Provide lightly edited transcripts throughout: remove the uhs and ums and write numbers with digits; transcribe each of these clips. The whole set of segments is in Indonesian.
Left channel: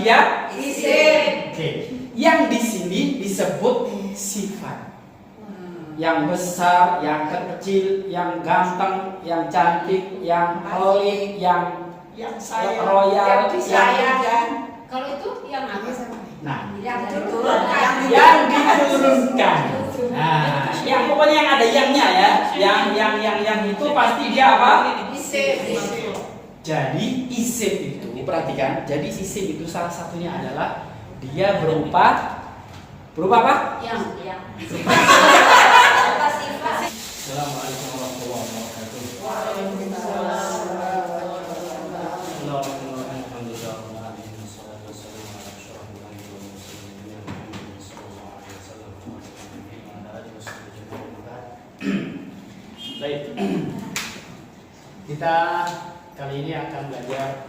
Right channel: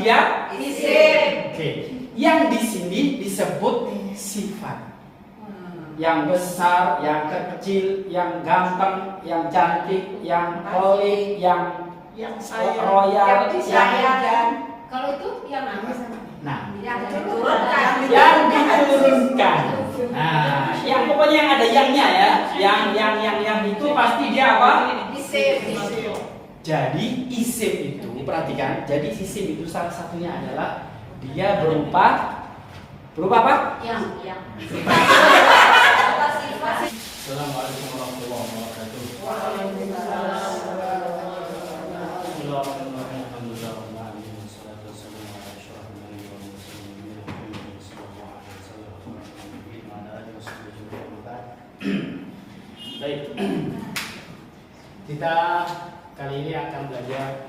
dia isim. Oke. Yang di sini disebut sifat. Yang besar, yang kecil, yang ganteng, yang cantik, yang pelit, yang royal, yang disayang. Kalau itu yang apa? Nah, Yang diturunkan. yang diturunkan. Nah, yang pokoknya yang ada yangnya ya. Yang itu pasti dia apa? Isim. Jadi isim itu perhatikan. Jadi isim itu salah satunya adalah dia berupa apa? Yang. Assalamualaikum warahmatullahi wabarakatuh. Baik. Kita kali ini akan belajar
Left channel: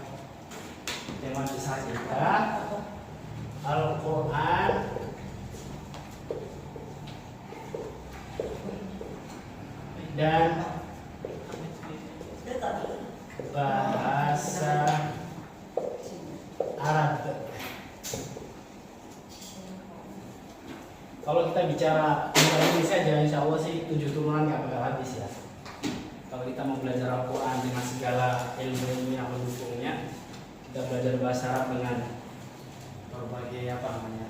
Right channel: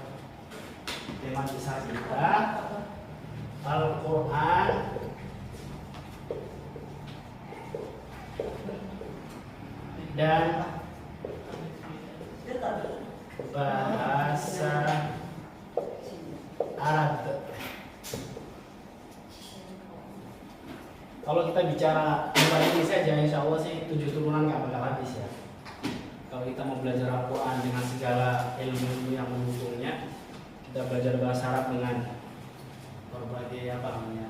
tema kisah kita Al-Quran dan bahasa Arab. Kalau kita bicara tentang ini saja, insya Allah sih 7 turunan nggak bakal habis ya. Kalau kita mau belajar Al-Quran dengan segala ilmu yang mendukungnya, kita belajar bahasa Arab dengan berbagai apa namanya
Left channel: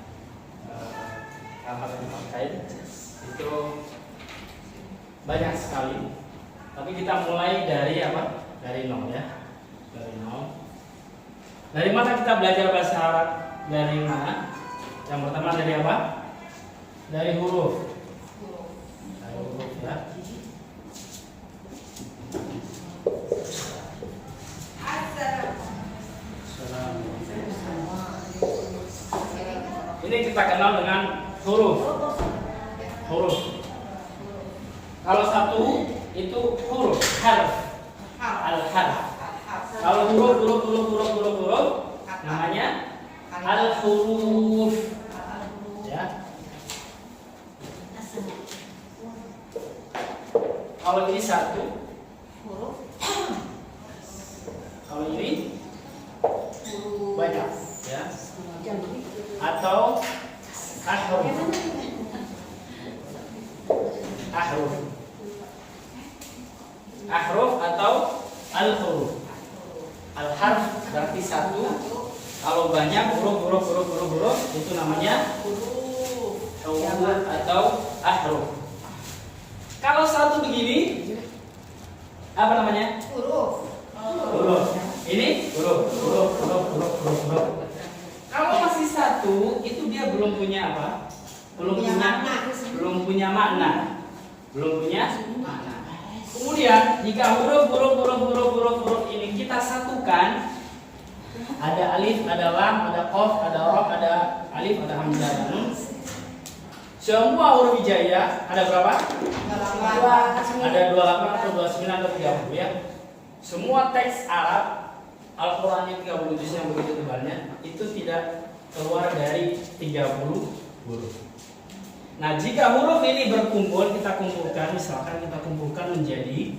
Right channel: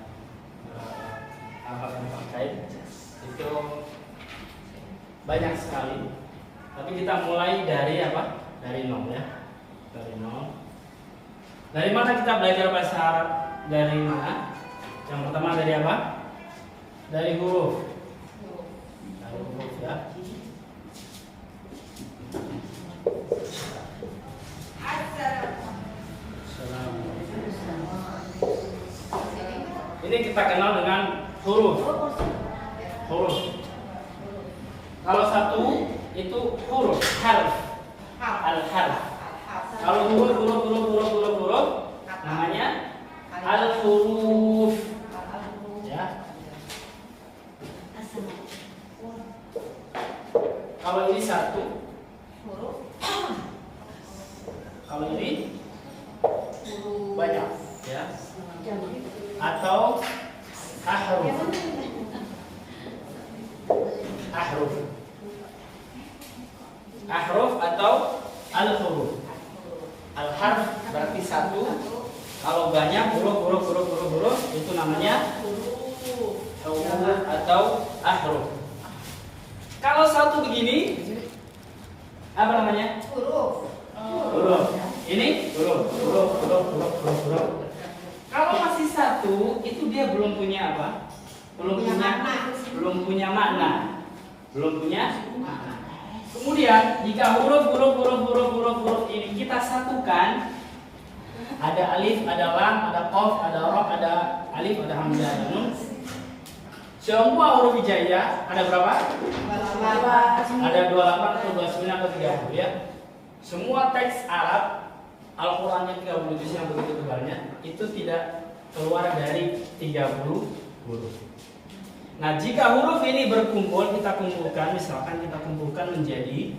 yang terkait itu banyak sekali. Tapi kita mulai dari apa? Dari nol ya. Dari nol. Dari mana kita belajar bahasa Arab? Dari mana? Yang pertama dari apa? Dari huruf. Dari huruf ya. Ini kita kenal dengan huruf. Huruf. Kalau satu itu huruf, harf. Al-harf. Kalau huruf namanya al-huruf. Ya. Kalau ini satu Huruf. kalau ini banyak ya. Atau ahruf. Ahruf. Ahruf atau al-huruf. Al-harf berarti satu. Kalau banyak huruf itu namanya huruf atau ahruf. Kalau satu begini apa namanya? Huruf. Huruf. Ini huruf. Kalau masih satu, itu dia belum punya apa? Belum punya makna. Kemudian jika huruf ini kita satukan, ada alif, ada lam, ada qaf, ada ra, ada alif, ada hamzah, ada nun. Semua huruf hijaiyah ada berapa? Ada 28 atau 29 atau 30 ya. Semua teks Arab Al-Qur'annya 30 juz yang begitu tebalnya itu tidak keluar dari 30 huruf. Nah, jika huruf ini berkumpul, kita kumpulkan, misalkan kita kumpulkan menjadi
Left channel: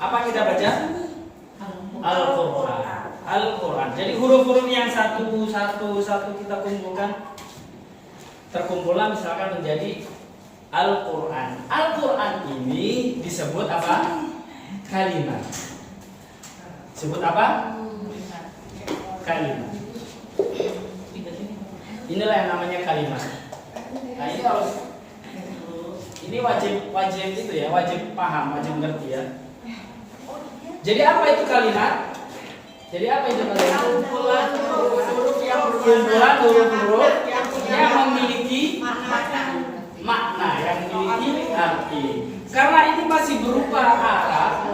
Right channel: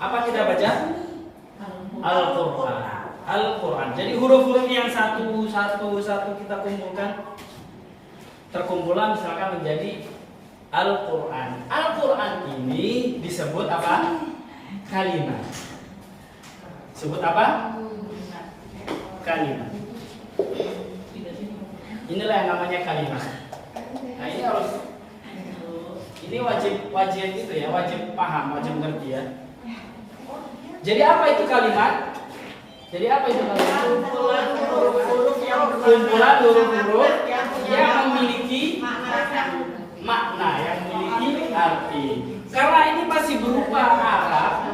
apa kita baca? Al-Qur'an. Al-Quran. Jadi huruf-huruf yang satu kita kumpulkan, terkumpullah misalkan menjadi Al-Quran. Al-Quran ini disebut apa? Kalimat. Disebut apa? Kalimat. Inilah yang namanya kalimat. Nah, ini harus, ini wajib itu ya, wajib paham, wajib ngerti ya. Jadi apa itu kalimat? Jadi apa itu kalimat? Kumpulan huruf-huruf yang memiliki makna, yang memiliki arti. Karena ini masih berupa Arab,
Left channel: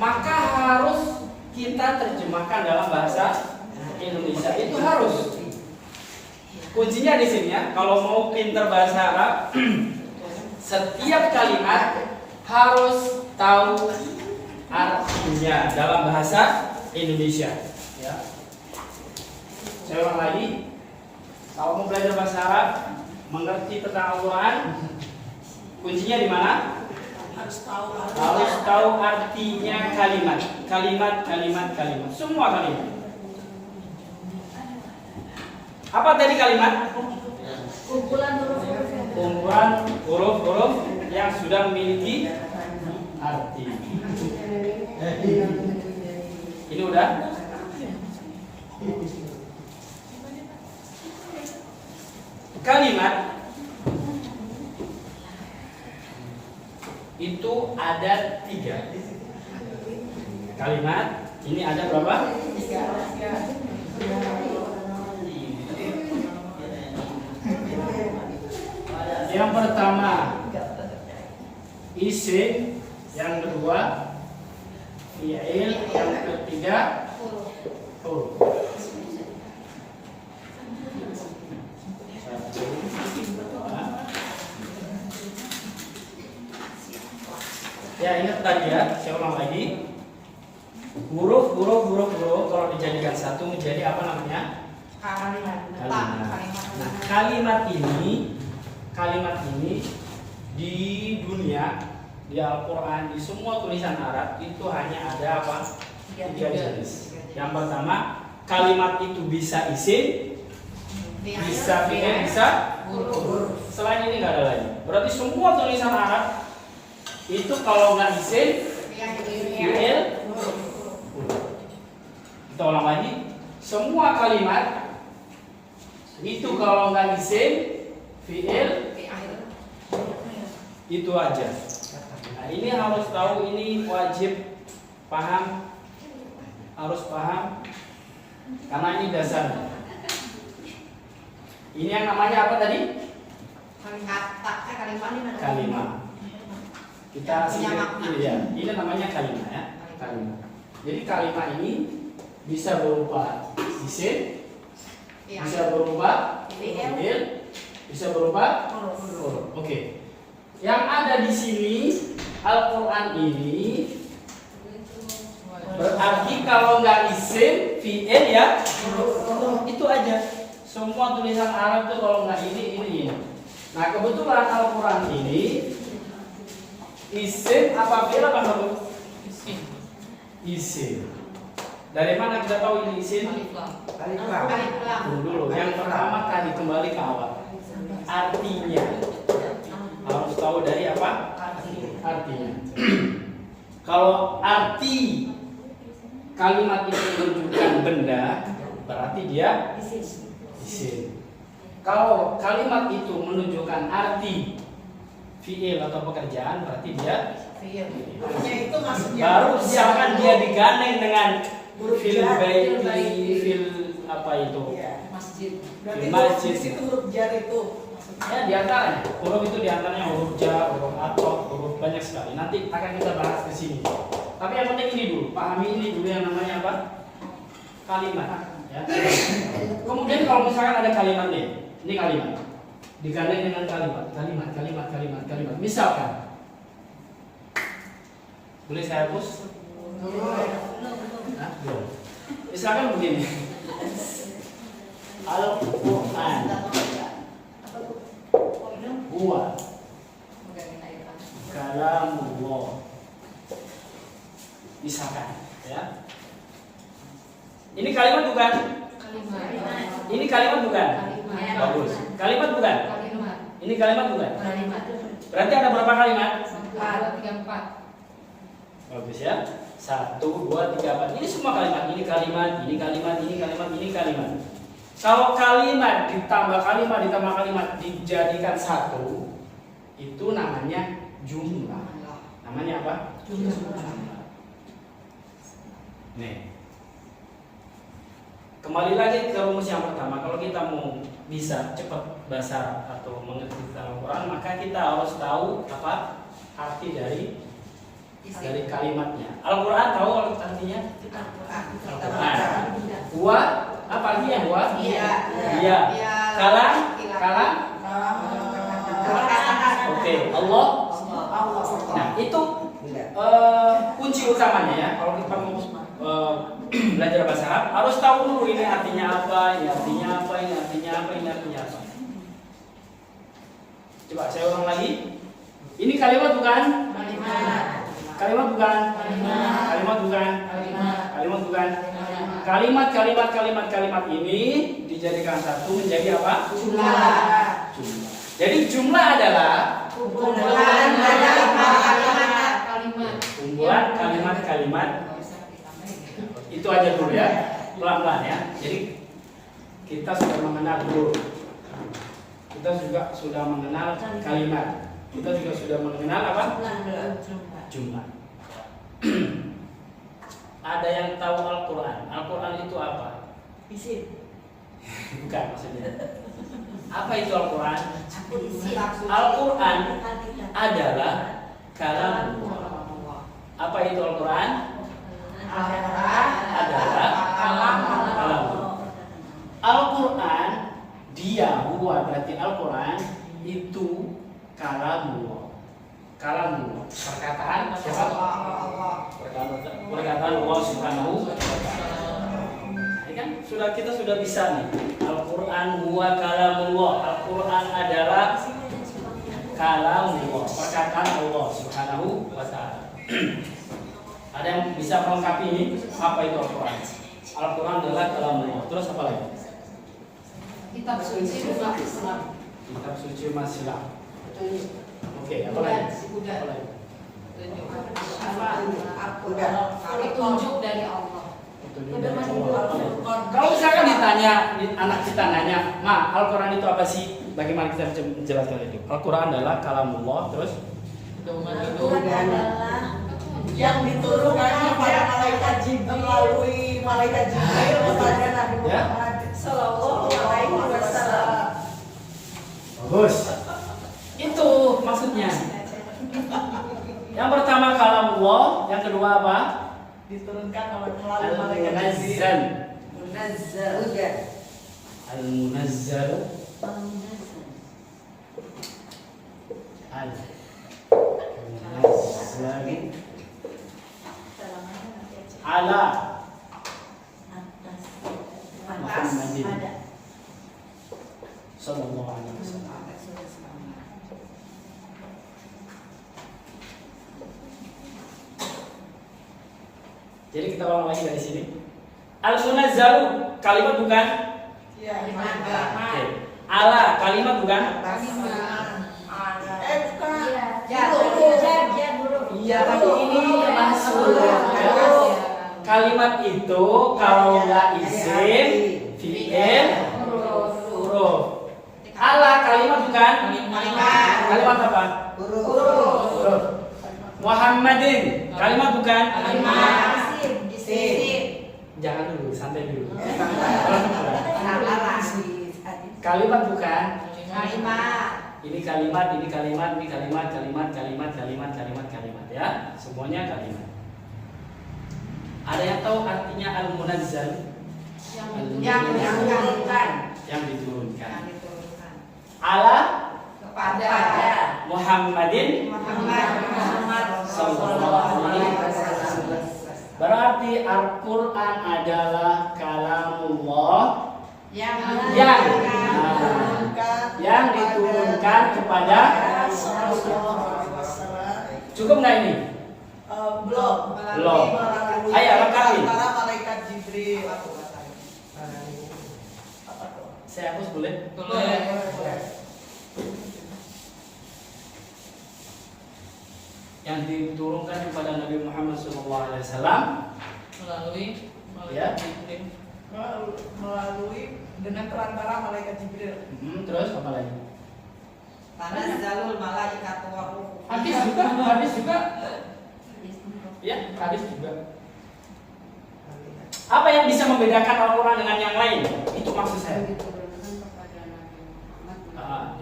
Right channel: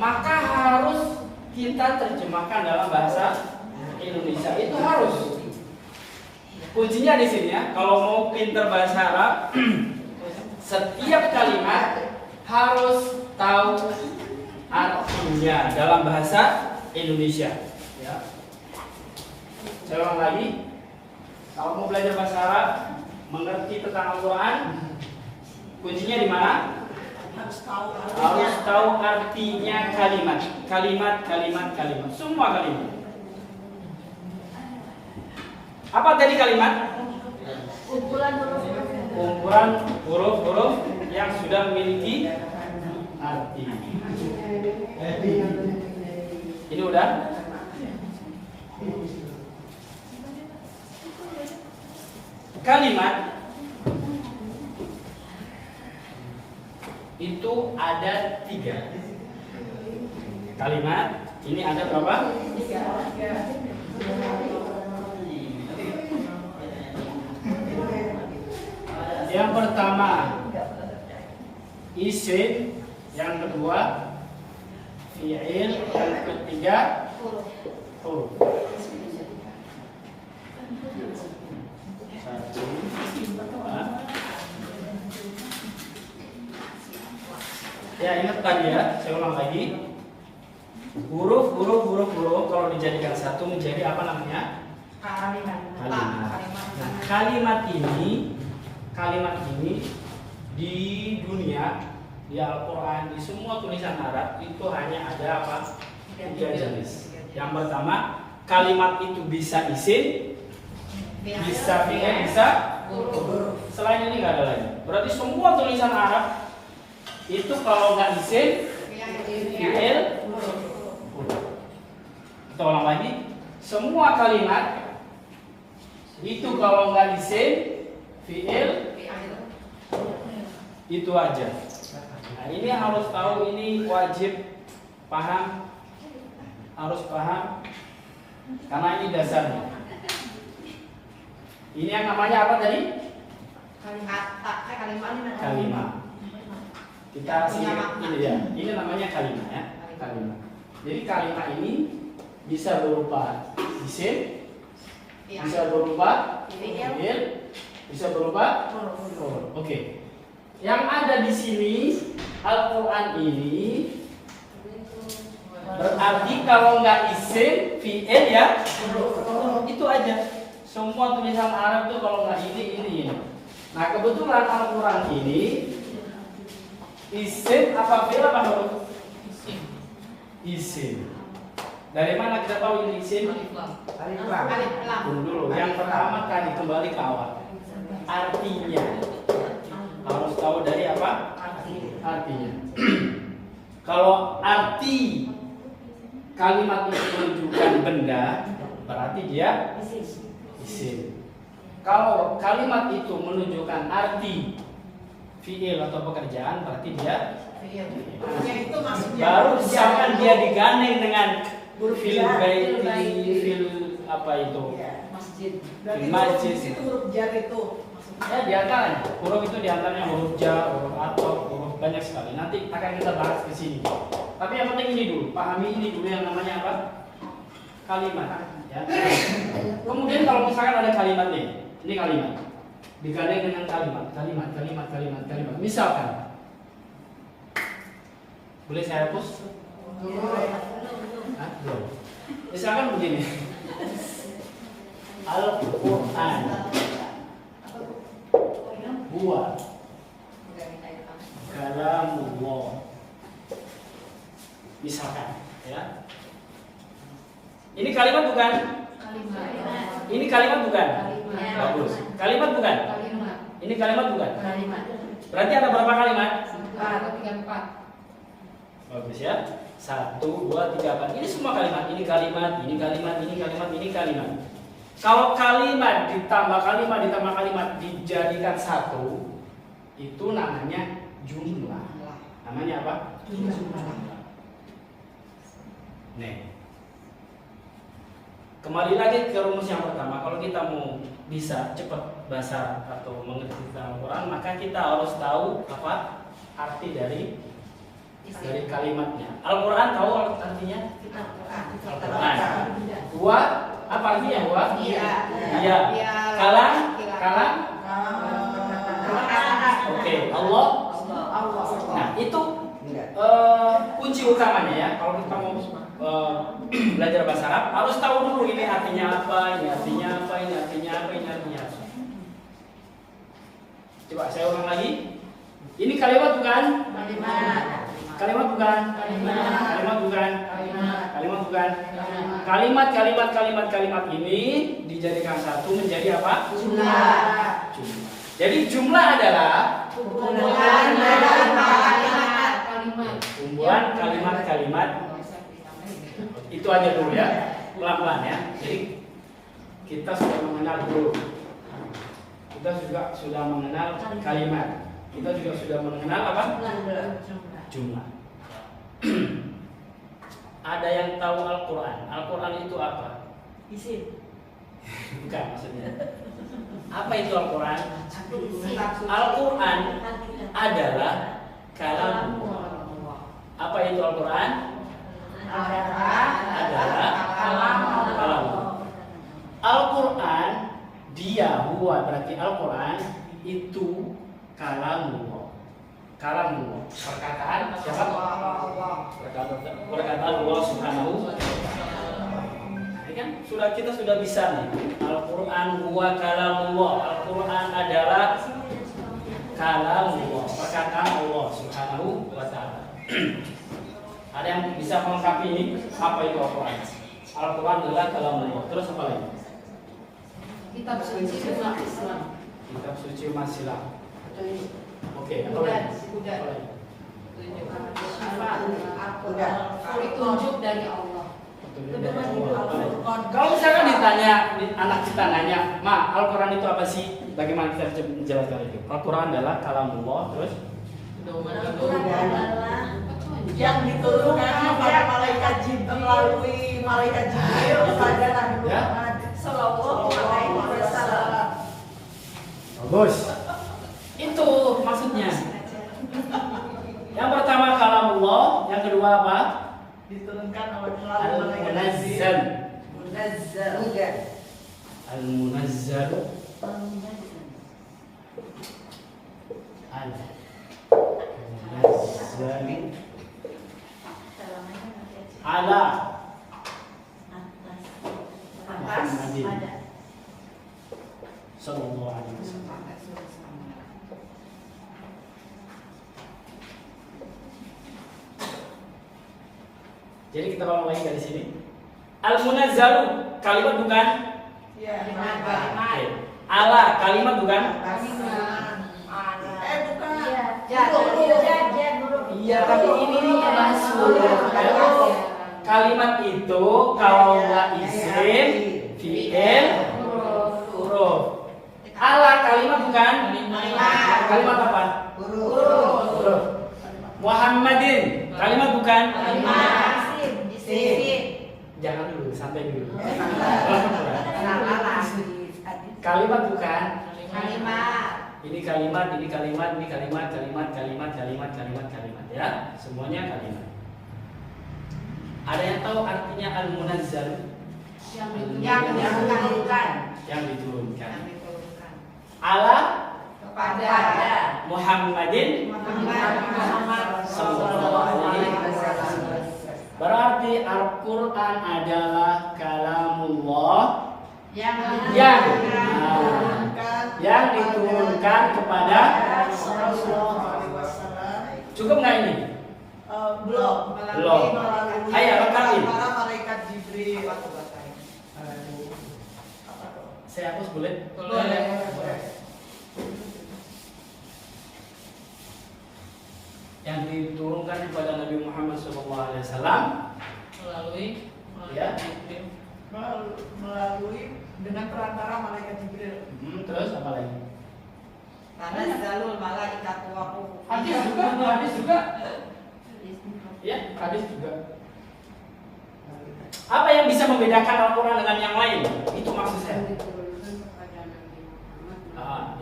maka harus kita terjemahkan dalam bahasa Indonesia. Itu harus. Kuncinya di sini ya. Kalau mau pinter bahasa Arab, setiap kalimat harus tahu artinya dalam bahasa Indonesia. Ya. Saya ulang lagi. Kalau mau belajar bahasa Arab, mengerti tentang Al-Quran, kuncinya di mana? Harus tahu artinya kalimat. Kalimat. Semua kalimat. Apa tadi kalimat? Kumpulan huruf-huruf yang sudah memiliki arti. Ini udah. Kalimat itu ada 3. Kalimat ini ada berapa? 3. Yang pertama isim, yang kedua fi'il, yang ketiga huruf. Ya, ingat tadi ya, saya ulang lagi. Huruf kalau dijadikan satu menjadi apa namanya? Kalimat. Nah, kalimat ini di dunia, di Al-Quran, di semua tulisan Arab itu hanya ada apa? 3 jenis. Yang pertama, kalimat itu bisa isim, bisa fi'il, bisa huruf. Selain ini nggak ada lagi. Berarti semua tulisan Arab itu kalau nggak isim, fi'il, huruf. Kita ulang lagi. Semua kalimat itu kalau nggak isim, fi'il, itu aja. Nah, ini harus tahu, ini wajib paham, harus paham, karena ini dasarnya. Ini yang namanya apa tadi? Kalimat. Kita ini ya. Ini namanya kalimat ya. Kalimat. Jadi kalimat ini bisa berupa isim, bisa berupa fi'il, bisa berupa huruf. Oke. Yang ada di sini Al-Quran ini berarti kalau nggak isim, fi'il ya itu aja. Semua tulisan Arab tuh kalau nggak ini. Nah, kebetulan Al-Quran ini isim apa fi'il apa huruf? Isim. Dari mana kita tahu ini isim? Tunggu dulu. Yang pertama tadi kembali ke awal. Artinya harus tahu dari apa? Artinya. Kalau arti kalimat itu menunjukkan benda, berarti dia isim. Kalau kalimat itu menunjukkan arti fi'il atau pekerjaan, berarti dia fi'il. Baru misalkan dia digandeng dengan fil baiti, fil apa itu? Fil masjid. Itu huruf jar itu. Ya, diantaranya huruf itu diantaranya huruf jar, huruf atau huruf banyak sekali. Nanti akan kita bahas ke sini. Tapi yang penting ini dulu, pahami ini dulu yang namanya apa? Kalimat. Ya. Kemudian kalau misalkan ada kalimat nih, ini kalimat, digandeng dengan kalimat. Misalkan, boleh saya hapus? Boleh. Misalkan begini, Al-Quran. Huwa kalamullah. Misalkan ya. Ini kalimat bukan? Ini kalimat bukan? Bagus. Kalimat bukan? Ini kalimat bukan? Berarti ada berapa kalimat? 4. Bagus ya. 1, 2, 3, 4. Ini semua kalimat. Ini kalimat, ini kalimat, ini kalimat, ini kalimat. Kalau kalimat ditambah kalimat dijadikan satu, itu namanya jumlah. Namanya apa? Jumlah. Nih. Kembali lagi ke rumus yang pertama. Kalau kita mau bisa cepat bahasa atau mengerti tentang Al-Quran, maka kita harus tahu apa arti dari kalimatnya. Al-Quran tahu artinya? Al-Quran. Huwa apa artinya huwa? Iya. Kalam. Oke. Allah. Nah, itu kunci utamanya ya. Kalau kita mau belajar bahasa Arab harus tahu dulu ini artinya apa, ini artinya apa, ini artinya apa, ini artinya apa. Coba saya ulang lagi. Ini kalimat bukan? Kalimat. Kalimat bukan? Kalimat. Kalimat bukan? Kalimat. Kalimat bukan? Kalimat. Kalimat ini dijadikan satu menjadi apa? Jumlah. Jumlah. Jadi jumlah adalah Kumpulan dari kalimat. kumpulan kalimat-kalimat. Itu aja dulu ya, pelan-pelan ya. Jadi kita sudah mengenal dulu. Kita juga sudah mengenal kalimat. Kita juga sudah mengenal apa? Jumlah. Ada yang tahu Al-Quran? Al-Quran itu apa? Isim. Bukan maksudnya. Apa itu Al-Quran? Isim. Al-Quran adalah kalam. Apa itu Al-Quran? Adalah kalam. Al-Quran dia huwa berarti Al-Quran itu kalamullah. Kalamullah. Perkataan siapa? Perkataan Allah Subhanahu wa ta'ala. Ini kan kita sudah bisa nih. Al-Quran huwa kalamullah. Al-Quran adalah kalamullah, perkataan Allah Subhanahu wa ta'ala. Ada yang bisa melengkapi ini? Apa itu Al-Quran? Al-Quran adalah kalamullah. Terus apa lagi? Kitab suci umat Islam. Kitab suci umat Islam. Oke, apa lagi? Apa lagi? Petunjuk dari Allah. Petunjuk dari Allah. Kalau misalkan ditanya, anak kita nanya, Ma, Al-Quran itu apa sih? Bagaimana kita bisa menjelaskan itu? Al-Quran adalah kalamullah, terus Yang diturunkan kepada malaikat Jibril melalui malaikat Jibril kepada Nabi Muhammad Sallallahu Alaihi Wasallam. bagus. Itu maksudnya. Yang pertama kalamullah, yang kedua apa? Diturunkan melalui malaikat Al-Munazzal. Munazzal. Al-Munazzal. Al-Munazzal ala Muhammadin sallallahu alaihi wasallam. Jadi kita ulang lagi dari sini. Al-Munazzalu kalimat bukan? Ya, Oke. Ala kalimat bukan? bukan. Iya, tapi ini masuk. Kalimat itu kalau nggak isim, fi'il, huruf. Ala kalimat bukan? Kalimat apa? Huruf. Muhammadin kalimat bukan? Jangan dulu, santai dulu. Kalimat bukan? Ini kalimat, ini kalimat, ini kalimat, kalimat ya. Semuanya kalimat. Ada yang tahu artinya al-munazzal? Yang diturunkan. Ala Muhammadin sallallahu alaihi wasallam. Berarti Al-Quran adalah kalamullah yang diturunkan kepada cukup nggak ini? Belum. Belum. Ayo lengkapi. Para malaikat Jibril. Saya hapus boleh? Yang diturunkan kepada Nabi Muhammad SAW melalui dengan perantara malaikat Jibril. Terus apa lagi? Tanazzalul malaikatu wa ruh. Hadis juga. Ya, hadis juga. Apa yang bisa membedakan Al-Quran dengan yang lain? Itu maksud saya.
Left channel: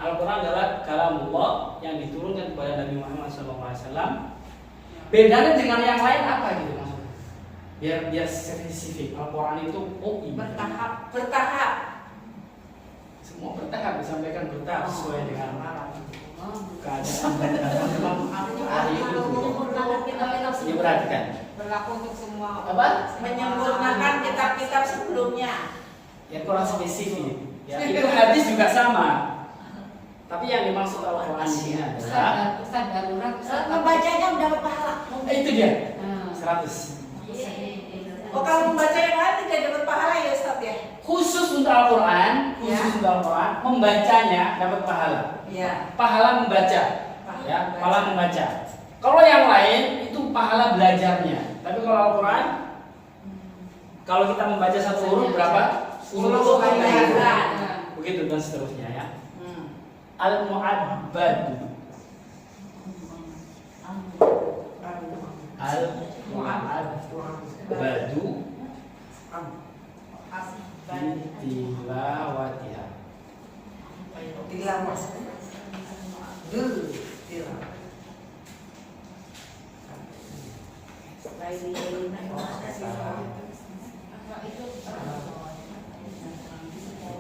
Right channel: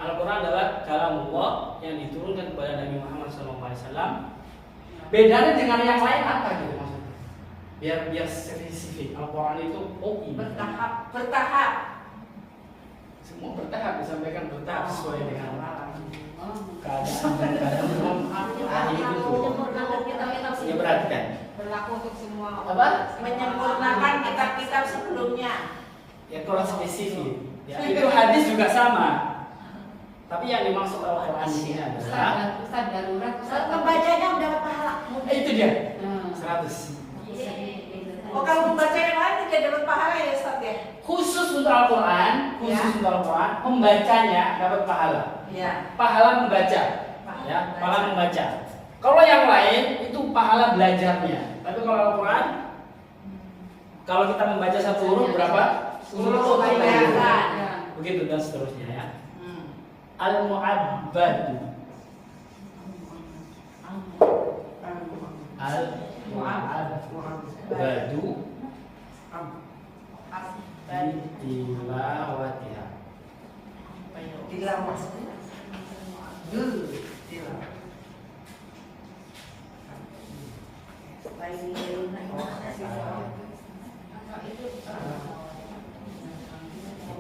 Al-Quran adalah kalamullah yang diturunkan kepada Nabi Muhammad SAW. Bedanya dengan yang lain apa gitu maksudnya? Biar spesifik. Al-Quran itu ini. Bertahap. Semua bertahap disampaikan bertahap sesuai dengan keadaan dan ahli itu. Ya perhatikan. Berlaku untuk semua. Apa? Menyempurnakan kitab-kitab sebelumnya. Ya kurang spesifik. Ya, itu hadis juga sama. Tapi yang dimaksud Al-Quran di sini adalah Ustaz darurat. Membacanya udah dapat pahala. itu dia 100. Oh, kalau membaca yang lain tidak dapat pahala ya Ustaz ya? Khusus untuk Al-Quran, membacanya dapat pahala. Iya. Pahala membaca, ya, pahala membaca. Kalau yang lain itu pahala belajarnya. Tapi kalau Al-Quran, kalau kita membaca satu huruf berapa? 10 kali. Begitu dan seterusnya ya. Al-Mu'abbadu. Al-Mu'abbadu tilawatiha.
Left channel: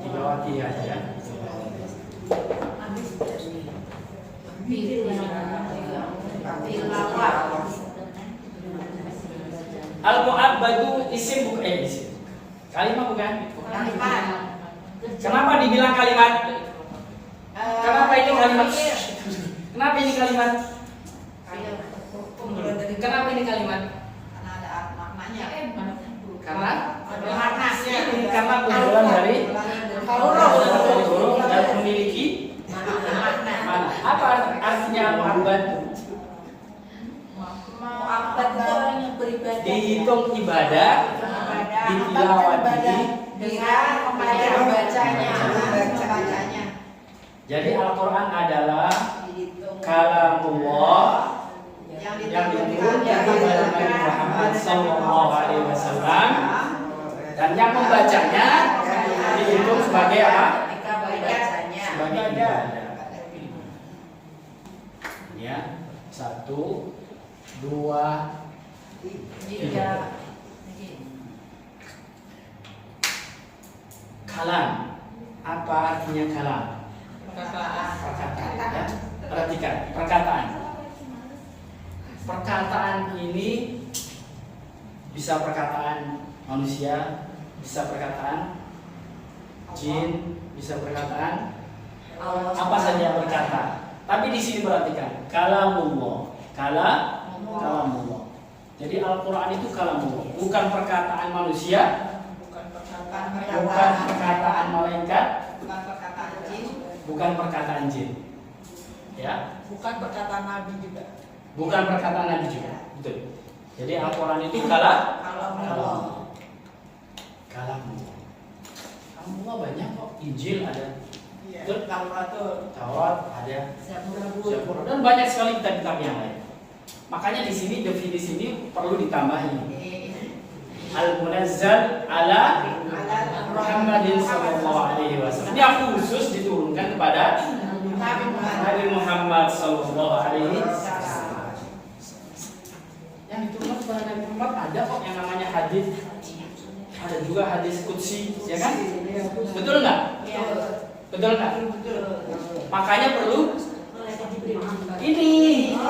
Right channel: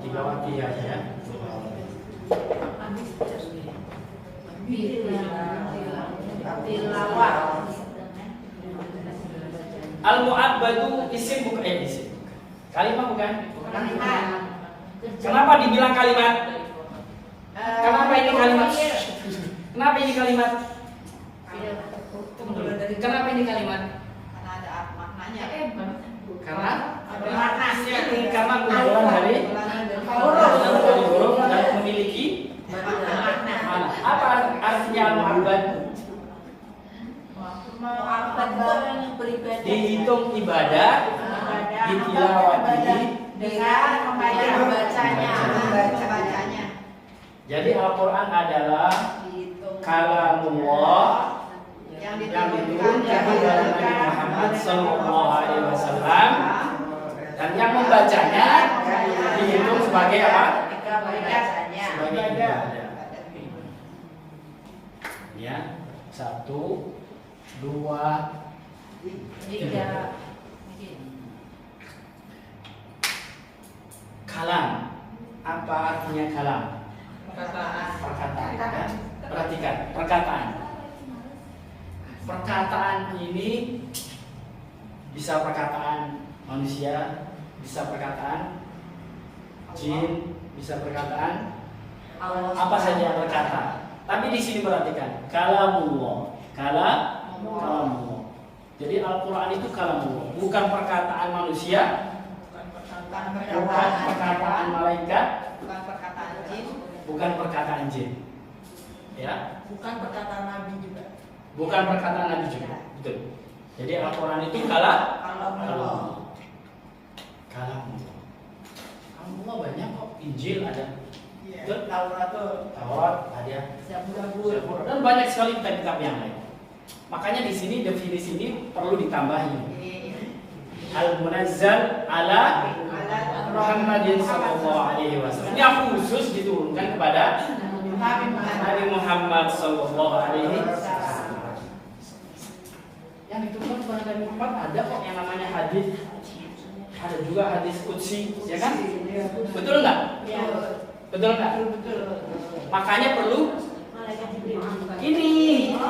Tilawatiha ya. Al-Mu'abbadu isim bukan isim. Kalimat bukan? Kalimat. Kenapa dibilang kalimat? Kenapa ini kalimat? Kenapa ini kalimat? Kenapa ini kalimat? Karena ada maknanya. Karena Ada maknanya. karena kumpulan dari huruf dan memiliki Makna. mana? Apa artinya al-mu'abbad? Mu'abbad itu orang yang beribadah. Dihitung ibadah, ditilawati. Dengan membacanya. Jadi Al-Quran adalah kalamullah yang diturunkan kepada Nabi Muhammad SAW, dan yang membacanya dihitung sebagai apa? Sebagai ibadah. Ya, 1, 2, 3. Kalam. Apa artinya kalam? Perkataan. Ya. Perhatikan, perkataan. Perkataan ini bisa perkataan manusia, bisa perkataan jin, bisa perkataan apa saja yang berkata. Tapi di sini perhatikan, kalamullah. Kalamullah. Jadi Al-Quran itu kalamullah, bukan perkataan manusia, bukan perkataan malaikat, bukan perkataan jin. Ya, Bukan perkataan Nabi juga. bukan perkataan Nabi juga. Betul. Jadi Al-Quran itu kalamullah. Kalamullah banyak kok. Injil ada, Taurat ada, Zabur, dan banyak sekali kitab-kitab yang lain. Makanya di sini definisi ini perlu ditambahi. Al-Munazzal ala Muhammadin sallallahu alaihi wasallam. Yang khusus diturunkan kepada Nabi Muhammad sallallahu alaihi wasallam. Yang diturunkan kepada Nabi Muhammad ada kok yang namanya hadis. Ada juga hadis qudsi, ya kan? Betul enggak? Betul enggak? Makanya perlu ini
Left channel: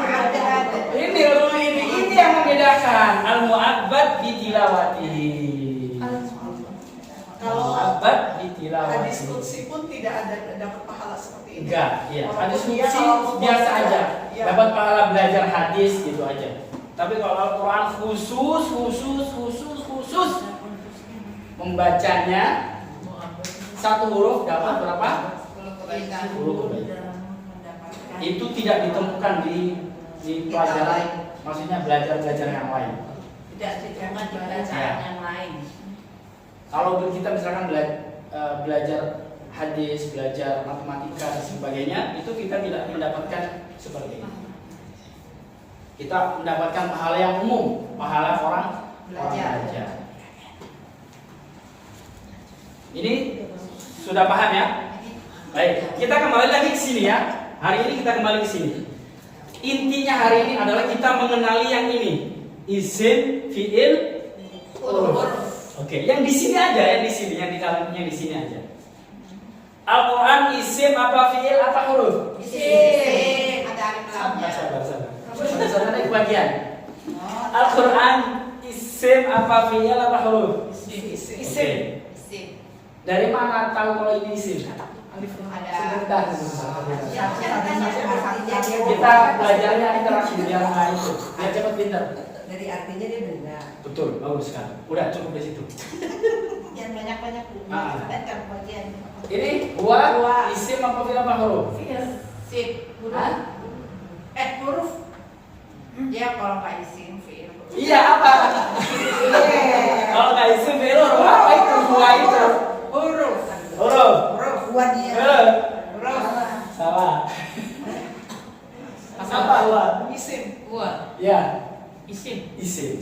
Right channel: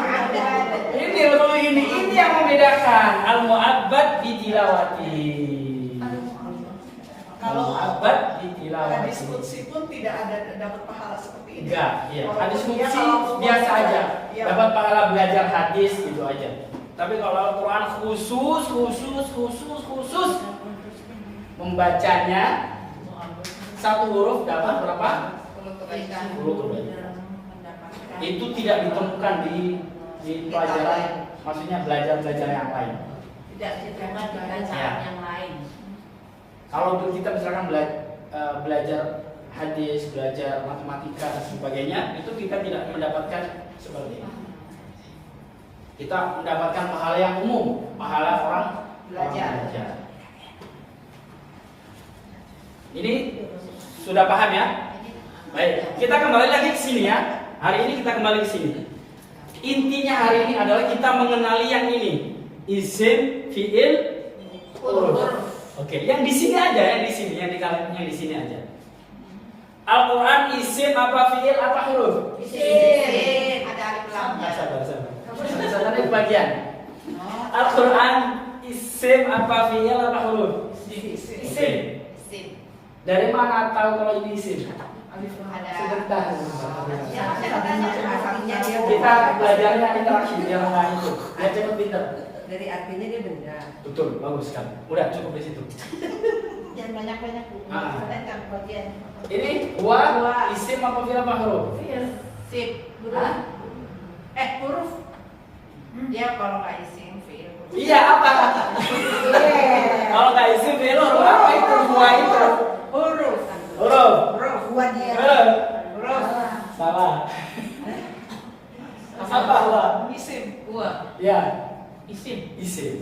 yang membedakan al-mu'abbad ditilawati. Kalau Al-mu'abbad ditilawati. hadis qudsi pun tidak ada dapat pahala seperti ini. Enggak, iya. Hadis Walaupun dia qudsi kalau biasa aja. Ya. Dapat pahala belajar hadis gitu aja. Tapi kalau Al-Quran khusus membacanya satu huruf dapat berapa? 10 kebaikan. Itu tidak ditemukan di pelajaran, maksudnya belajar yang lain. Tidak ditemukan di bacaan yang lain. Kalau kita misalkan belajar hadis, belajar matematika dan sebagainya, itu kita tidak mendapatkan seperti ini. Kita mendapatkan pahala yang umum, pahala orang belajar. Ini sudah paham ya? Baik, kita kembali lagi ke sini ya. Hari ini kita kembali ke sini. Intinya hari ini adalah kita mengenali yang ini. Isim, fi'il, huruf. Oke, yang di sini aja, yang di sini aja. Al-Quran isim apa fi'il apa huruf? Isim. Ada alif lamnya. Sabar. Sabar, itu bagian. Al-Quran isim apa fi'il apa huruf? Isim. Dari mana tahu kalau ini isim? Sebentar. Kita belajarnya interaksi biar nggak itu. Biar cepat pintar. Dari artinya dia benda. Betul, bagus kan. Udah cukup di situ. Jangan banyak-banyak dulu. Ah. Kan bagian. Ini huwa isim apa fi'il apa huruf? Sip. Hah? Huruf. Ya kalau nggak isim fi'il. Iya apa? Kalau nggak isim fi'il huruf apa itu? Huwa itu. Huruf. Huruf. Huwa dia. Huruf. Salah. Apa huwa? Isim. Ya. Isim. Isim.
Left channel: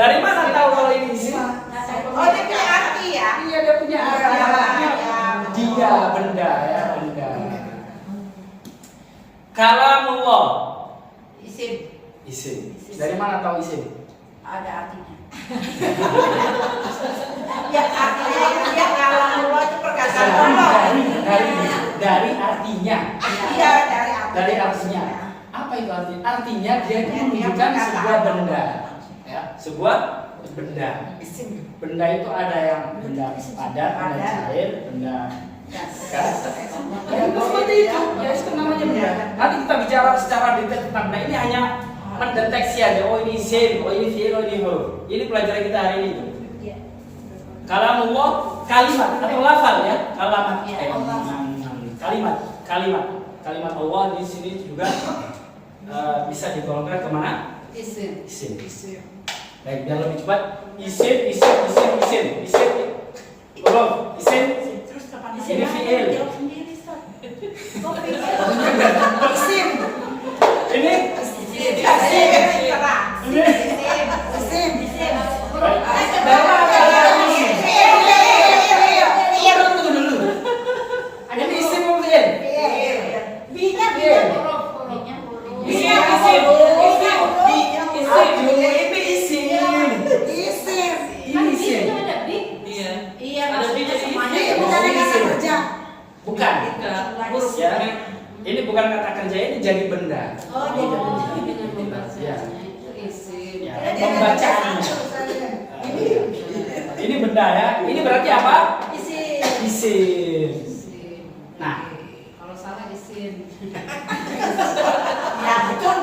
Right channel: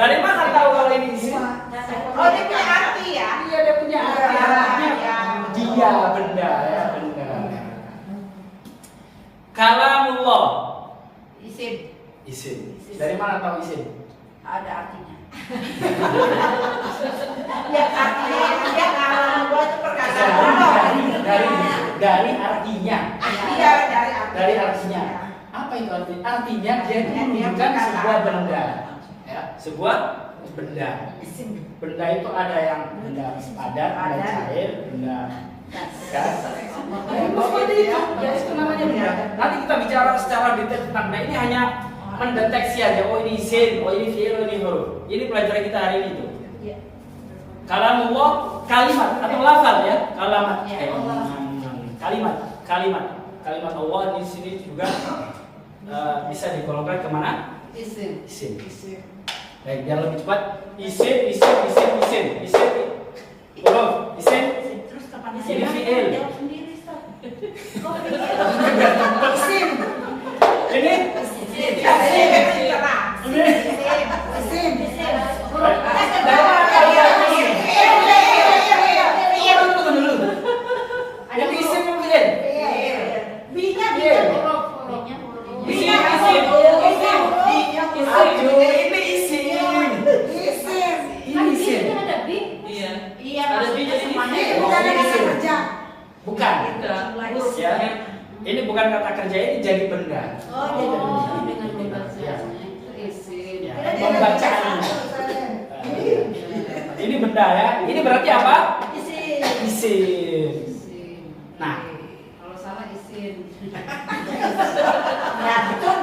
Dari mana tahu kalau ini isim? Oh, dia punya arti ya? Iya, dia punya arti. Artinya dia benda ya, benda. Kalamullah. Isim. Isim. Dari mana tahu isim? Ada artinya. Ya artinya itu dia kalau itu perkataan Allah. Dari artinya. Iya, dari artinya. Dari artinya. Apa itu artinya? Artinya dia menunjukkan sebuah benda. Ya, sebuah benda. Benda itu ada yang benda padat, benda cair, benda gas. Ya, seperti itu. Ya, itu namanya benda. Nanti kita bicara secara detail tentang benda. Ini hanya mendeteksi aja. Oh ini isim, oh ini fi'il, oh ini huruf. Ini pelajaran kita hari ini. Kalamullah kalimat atau lafal ya. Kalimat Allah di sini juga bisa digolongkan kemana? Isim. Baik, biar lebih cepat. Isim. Huruf. Isim. Ini fi'il. Isim. Ini. Ini isim apa fi'il? Bukan. Ya. Ini bukan kata kerja, ini jadi benda. Ya. Pembacaan. Ini benda ya. Ini berarti apa? Isim. Nah, Kalau salah isim. Ya, betul.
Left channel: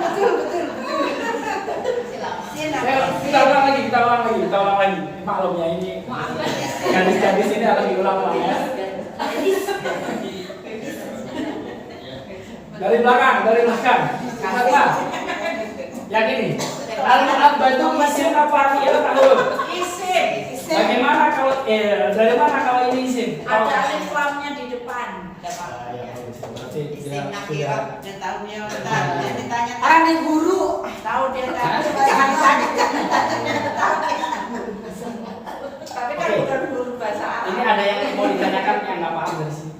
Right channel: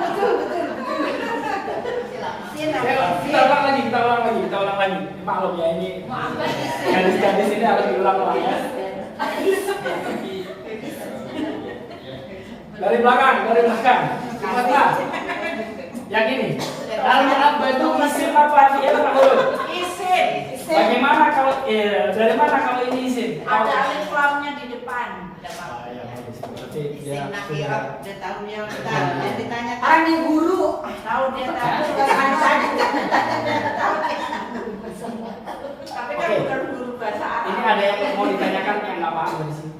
kita ulang lagi. Maklum ya ini. Gadis-gadis ini harus diulang-ulang ya. Dari belakang. Siapa? Yang ini. Al-mu'abbadu isim apa fi'il apa huruf? Isim. Bagaimana kalau dari mana kalau ini isim? Ada alif lamnya di depan. Berarti dia Isim nakirah. sudah Dia tahunya dia ditanya. Yang guru. Tahu dia tahu. Tapi kan bukan guru bahasa Arab. ini ada yang mau ditanyakan yang nggak paham dari sini.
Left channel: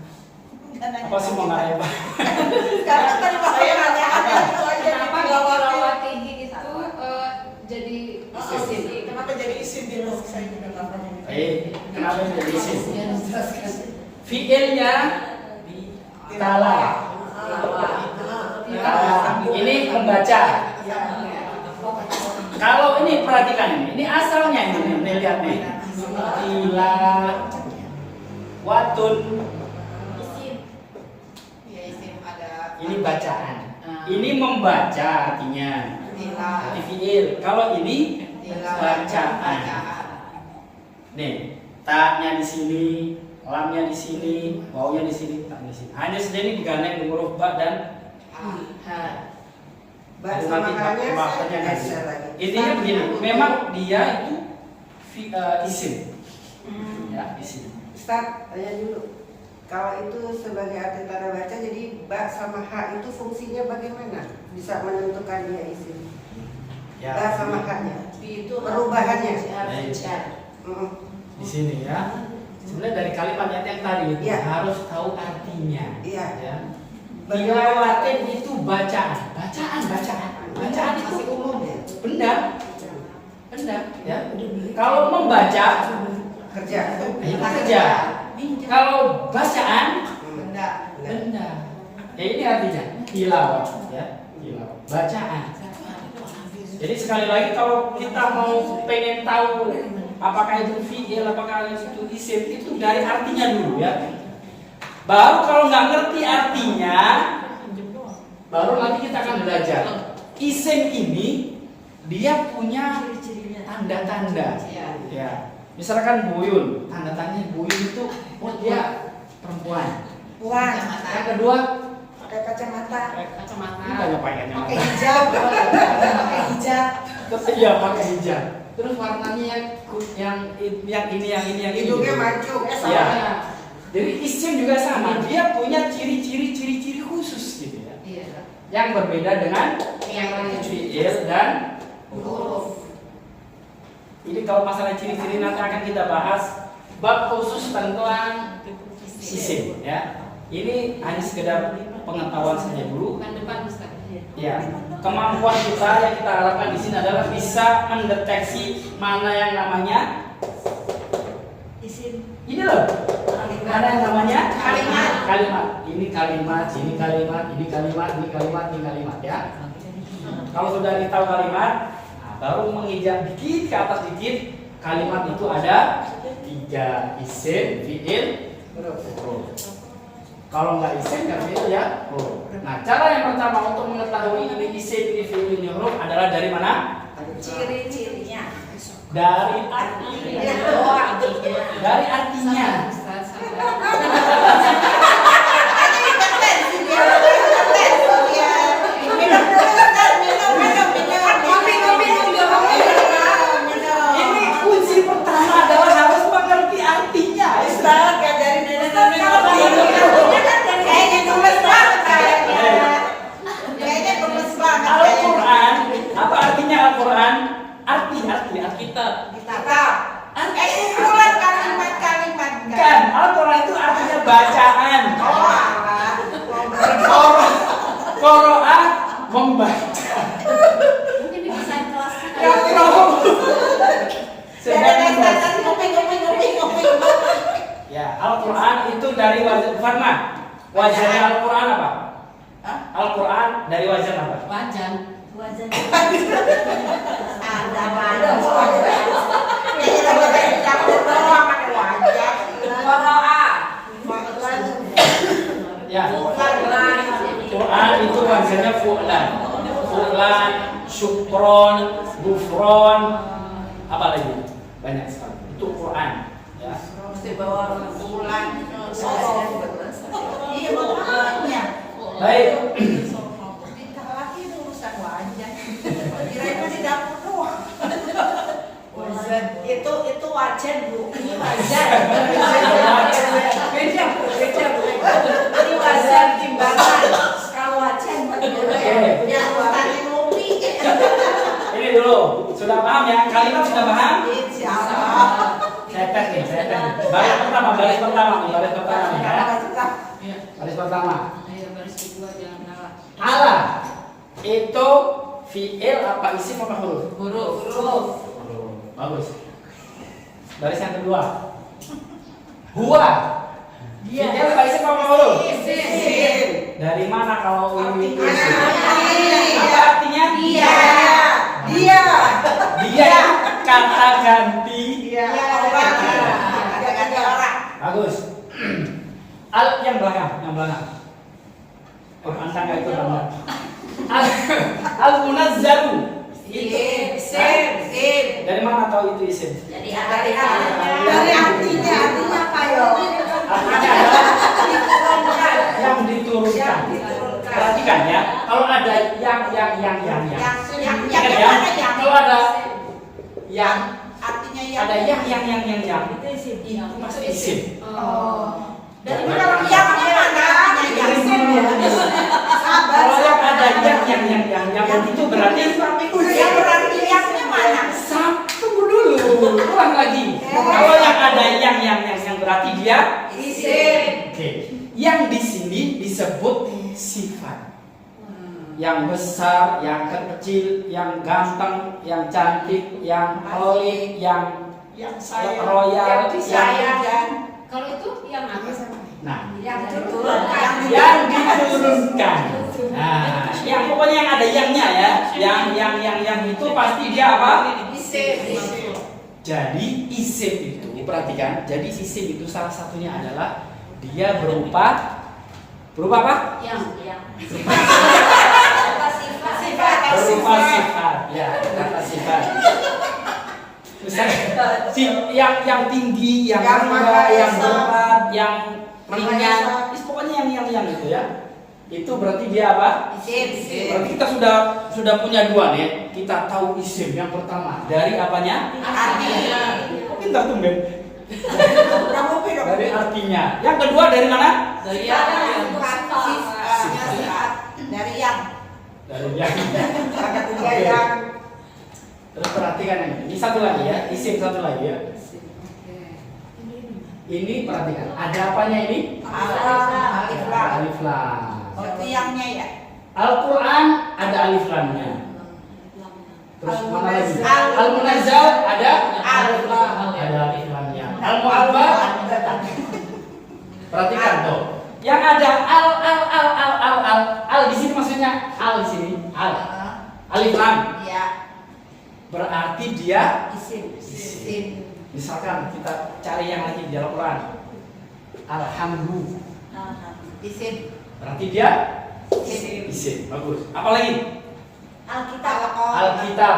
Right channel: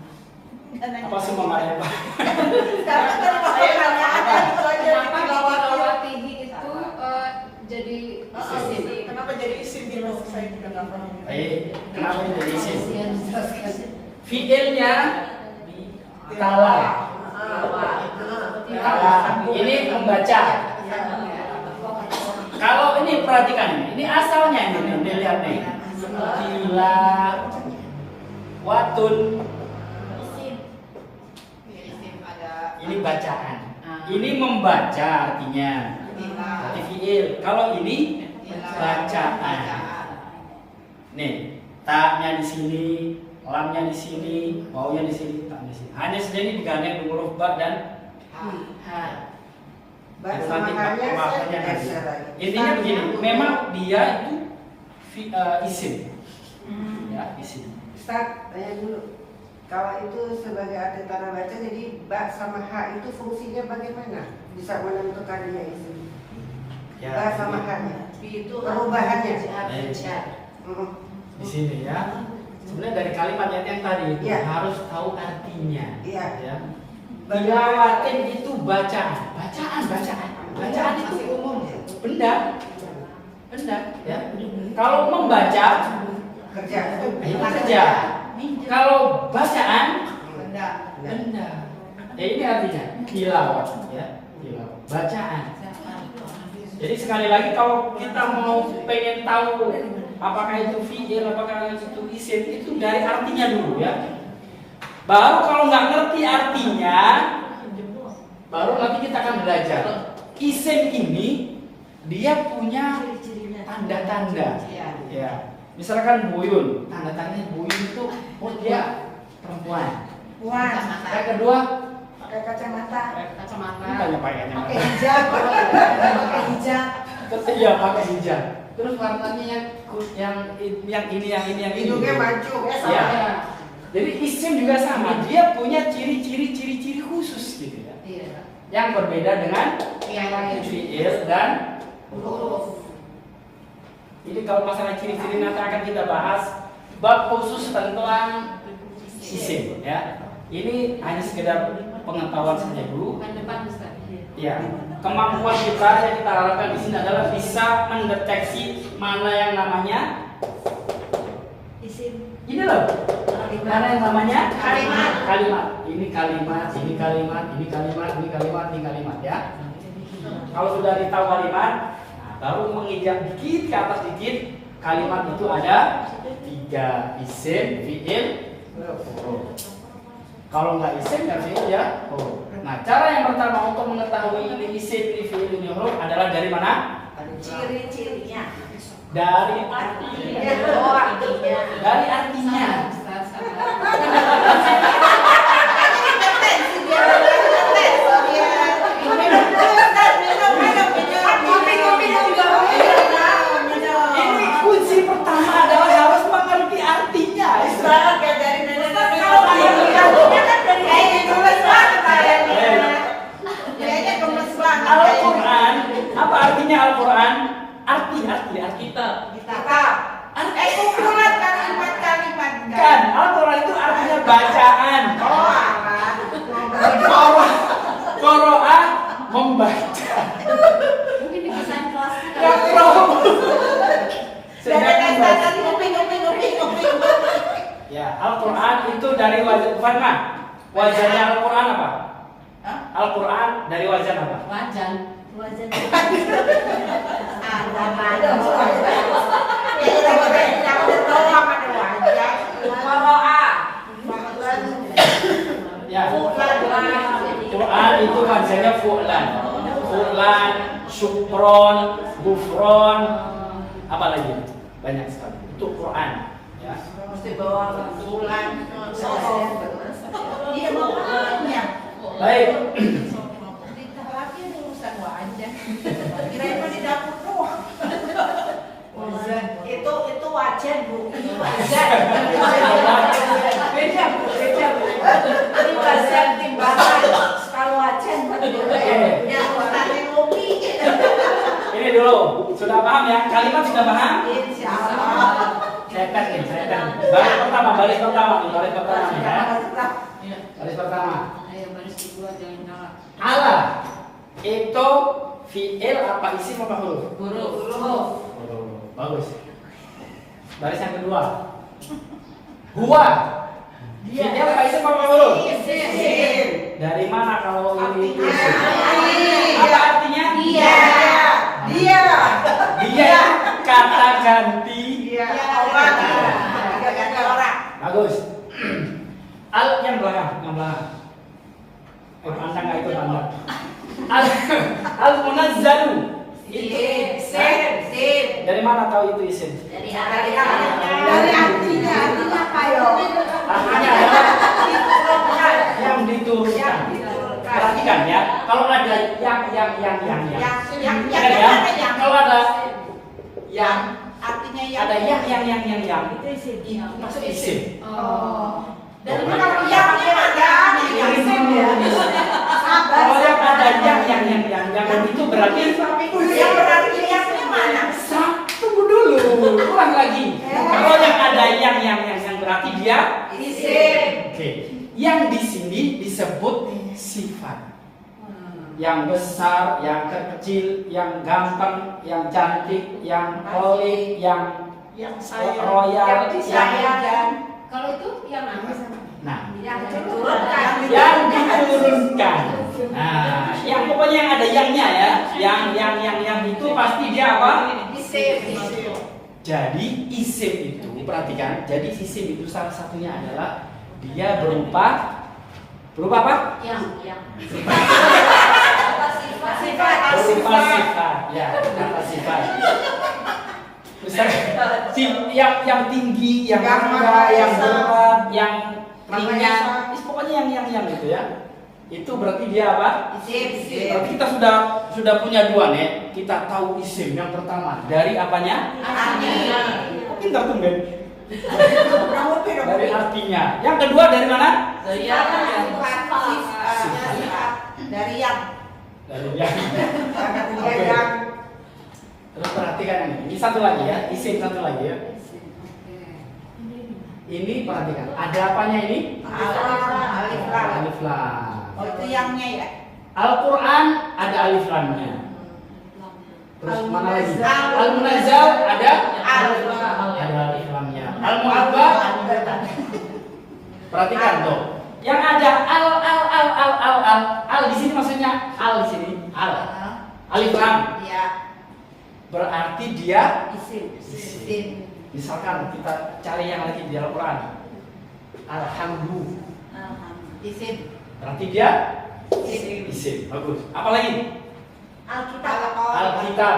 Apa semua nggak ada yang paham? Karena kan saya nanya ada itu aja di Kenapa tilawati. tilawati itu jadi isim? Kenapa jadi isim gitu? Saya juga nggak paham. Kenapa jadi isim? Fi'ilnya kala. Ini membaca. Kalau ini perhatikan ini asalnya ini lihat nih. Kila watun. Ini bacaan. Ini membaca artinya. Ini fi'il. Kalau ini bacaan. Nih, ta-nya di sini, lamnya di sini, wawunya di sini, ta-nya di sini. Hanya saja ini digandeng huruf ba dan ha. Intinya begini, memang dia itu isim. Ya, isim. Ustaz, tanya dulu. Kalau itu sebagai arti tanda baca, jadi ba sama ha itu fungsinya bagaimana? Bisa menentukan dia isim. Ya, Ba sama ha-nya. Itu Perubahannya. di sini ya. Sebenarnya dari kalimat yang tadi itu Ya. harus tahu artinya. Iya. Ya. Tilawatin itu bacaan. Bacaan itu umum. Benda. Ya. Kalau membaca Kerja. itu kerja. Kalau bacaan benda. Ya ini artinya tilawah ya. Tilawah. Bacaan. Jadi sekali lagi kalau kita mau pengen tahu apakah itu fi'il, apakah itu isim, itu dari artinya dulu ya. Baru kalau nggak ngerti artinya, baru nanti kita akan belajar. Isim ini dia punya tanda-tanda. Ya. Misalkan buyun, tanda-tandanya buyun itu oh dia perempuan. Yang kedua, pakai kacamata. Ini tanya pakai kacamata. Pakai hijab. Pakai hijab. Terus iya pakai hijab. Terus warnanya yang ini. Hidungnya maju. Ya. Jadi isim juga sama, dia punya ciri-ciri khusus gitu ya. Iya. Yang berbeda dengan Yang lain. fi'il dan Huruf. ini kalau masalah ciri-ciri nanti akan kita bahas bab khusus tentang isim ya. Ini hanya sekedar pengetahuan saja dulu. Bukan depan Ustaz. Ya, kemampuan kita yang kita harapkan di sini adalah bisa mendeteksi mana yang namanya Isim. ini loh. Mana yang namanya Kalimat. Ini kalimat, ini kalimat, ini kalimat, ini kalimat, ini kalimat ya. Kalau sudah tahu kalimat, nah, baru menginjak dikit ke atas dikit, kalimat itu ada 3, isim, fi'il, huruf. Kalau nggak isim ya fi'il ya huruf. Nah, cara yang pertama untuk mengetahui ini isim, ini fi'il, ini huruf adalah dari mana? Ciri-cirinya. Dari artinya. Oh, artinya. Dari artinya. Ustaz, Ini kunci pertama adalah harus mengerti artinya. Al-Quran, apa artinya Al-Quran? Arti. Kan, Al-Quran itu artinya bacaan. Qoro'ah membaca. mungkin di desain kelas. Yakroh sedang membaca. Ya, Al-Quran itu dari wazan Farma. Wazannya Al-Quran apa? Al-Quran dari wazan apa? Wajan. Ya. Quran itu wazannya fu'lan. Fu'lan, syukron, gufron, apa lagi? Banyak sekali. Itu Quran, ya. Baik. Itu wajan Bu. Ini wajan timbangan. Kalau wajan yang tadi kopi. Ini dulu, sudah paham ya? Kalimat sudah paham? Insyaallah. Saya tes nih. Baris pertama nih ya. Iya. Baris pertama. Ayo baris kedua jangan ngalah. Ala itu fi'il apa isim apa huruf? Huruf. Bagus. Baris yang kedua. Huwa. Fi'il apa isim apa huruf? Isim. Dari mana kalau ini isim? Apa artinya? Dia kata ganti. Bagus. Al yang belakang. Pantang itu banget. Al munazzalu. Itu dari mana tahu itu isim? Artinya adalah yang diturunkan. Perhatikan ya. Kalau ada yang. Ingat ya. Kalau ada yang ada yang itu pasti isim. Kalau yang ada yang itu berarti tunggu dulu, ulang lagi. Kalau yang ada yang berarti dia isim. Oke. Yang di sini disebut sifat. Yang besar, yang kecil, yang ganteng, yang cantik, yang holy, yang royal, yang disayang. Kalau itu yang apa? Nah, Yang diturunkan. yang diturunkan. Nah, yang pokoknya yang ada yangnya ya, yang itu pasti dia apa? Isim. Jadi isim itu, perhatikan. Jadi isim itu salah satunya adalah dia berupa apa? Berupa sifat. Ya, kata sifat. Misalnya, yang tinggi, yang rendah, yang berat, yang ringan, pokoknya yang itu ya. Itu berarti dia apa? Isim. Berarti kita sudah punya dua nih. Kita tahu isim yang pertama dari apanya? Kita tuh men. Dari artinya. Yang kedua dari mana? Dari yang. Oke. Terus perhatikan ini satu lagi ya, isim satu lagi ya. Ini perhatikan, ada apanya ini? Alif lam. Oh, itu yangnya ya. Al-Quran ada alif lamnya. Terus mana lagi? Al-Munazzal ada Alif lam. ada alif lamnya. Al-Mu'abbah perhatikan tuh. Yang ada al di sini maksudnya al di sini alif lam. Iya. Berarti dia Isim. misalkan kita cari yang lagi di Al-Quran. Alhamdulillah. Isim. Berarti dia isim. Bagus. Apa lagi? Alkitab.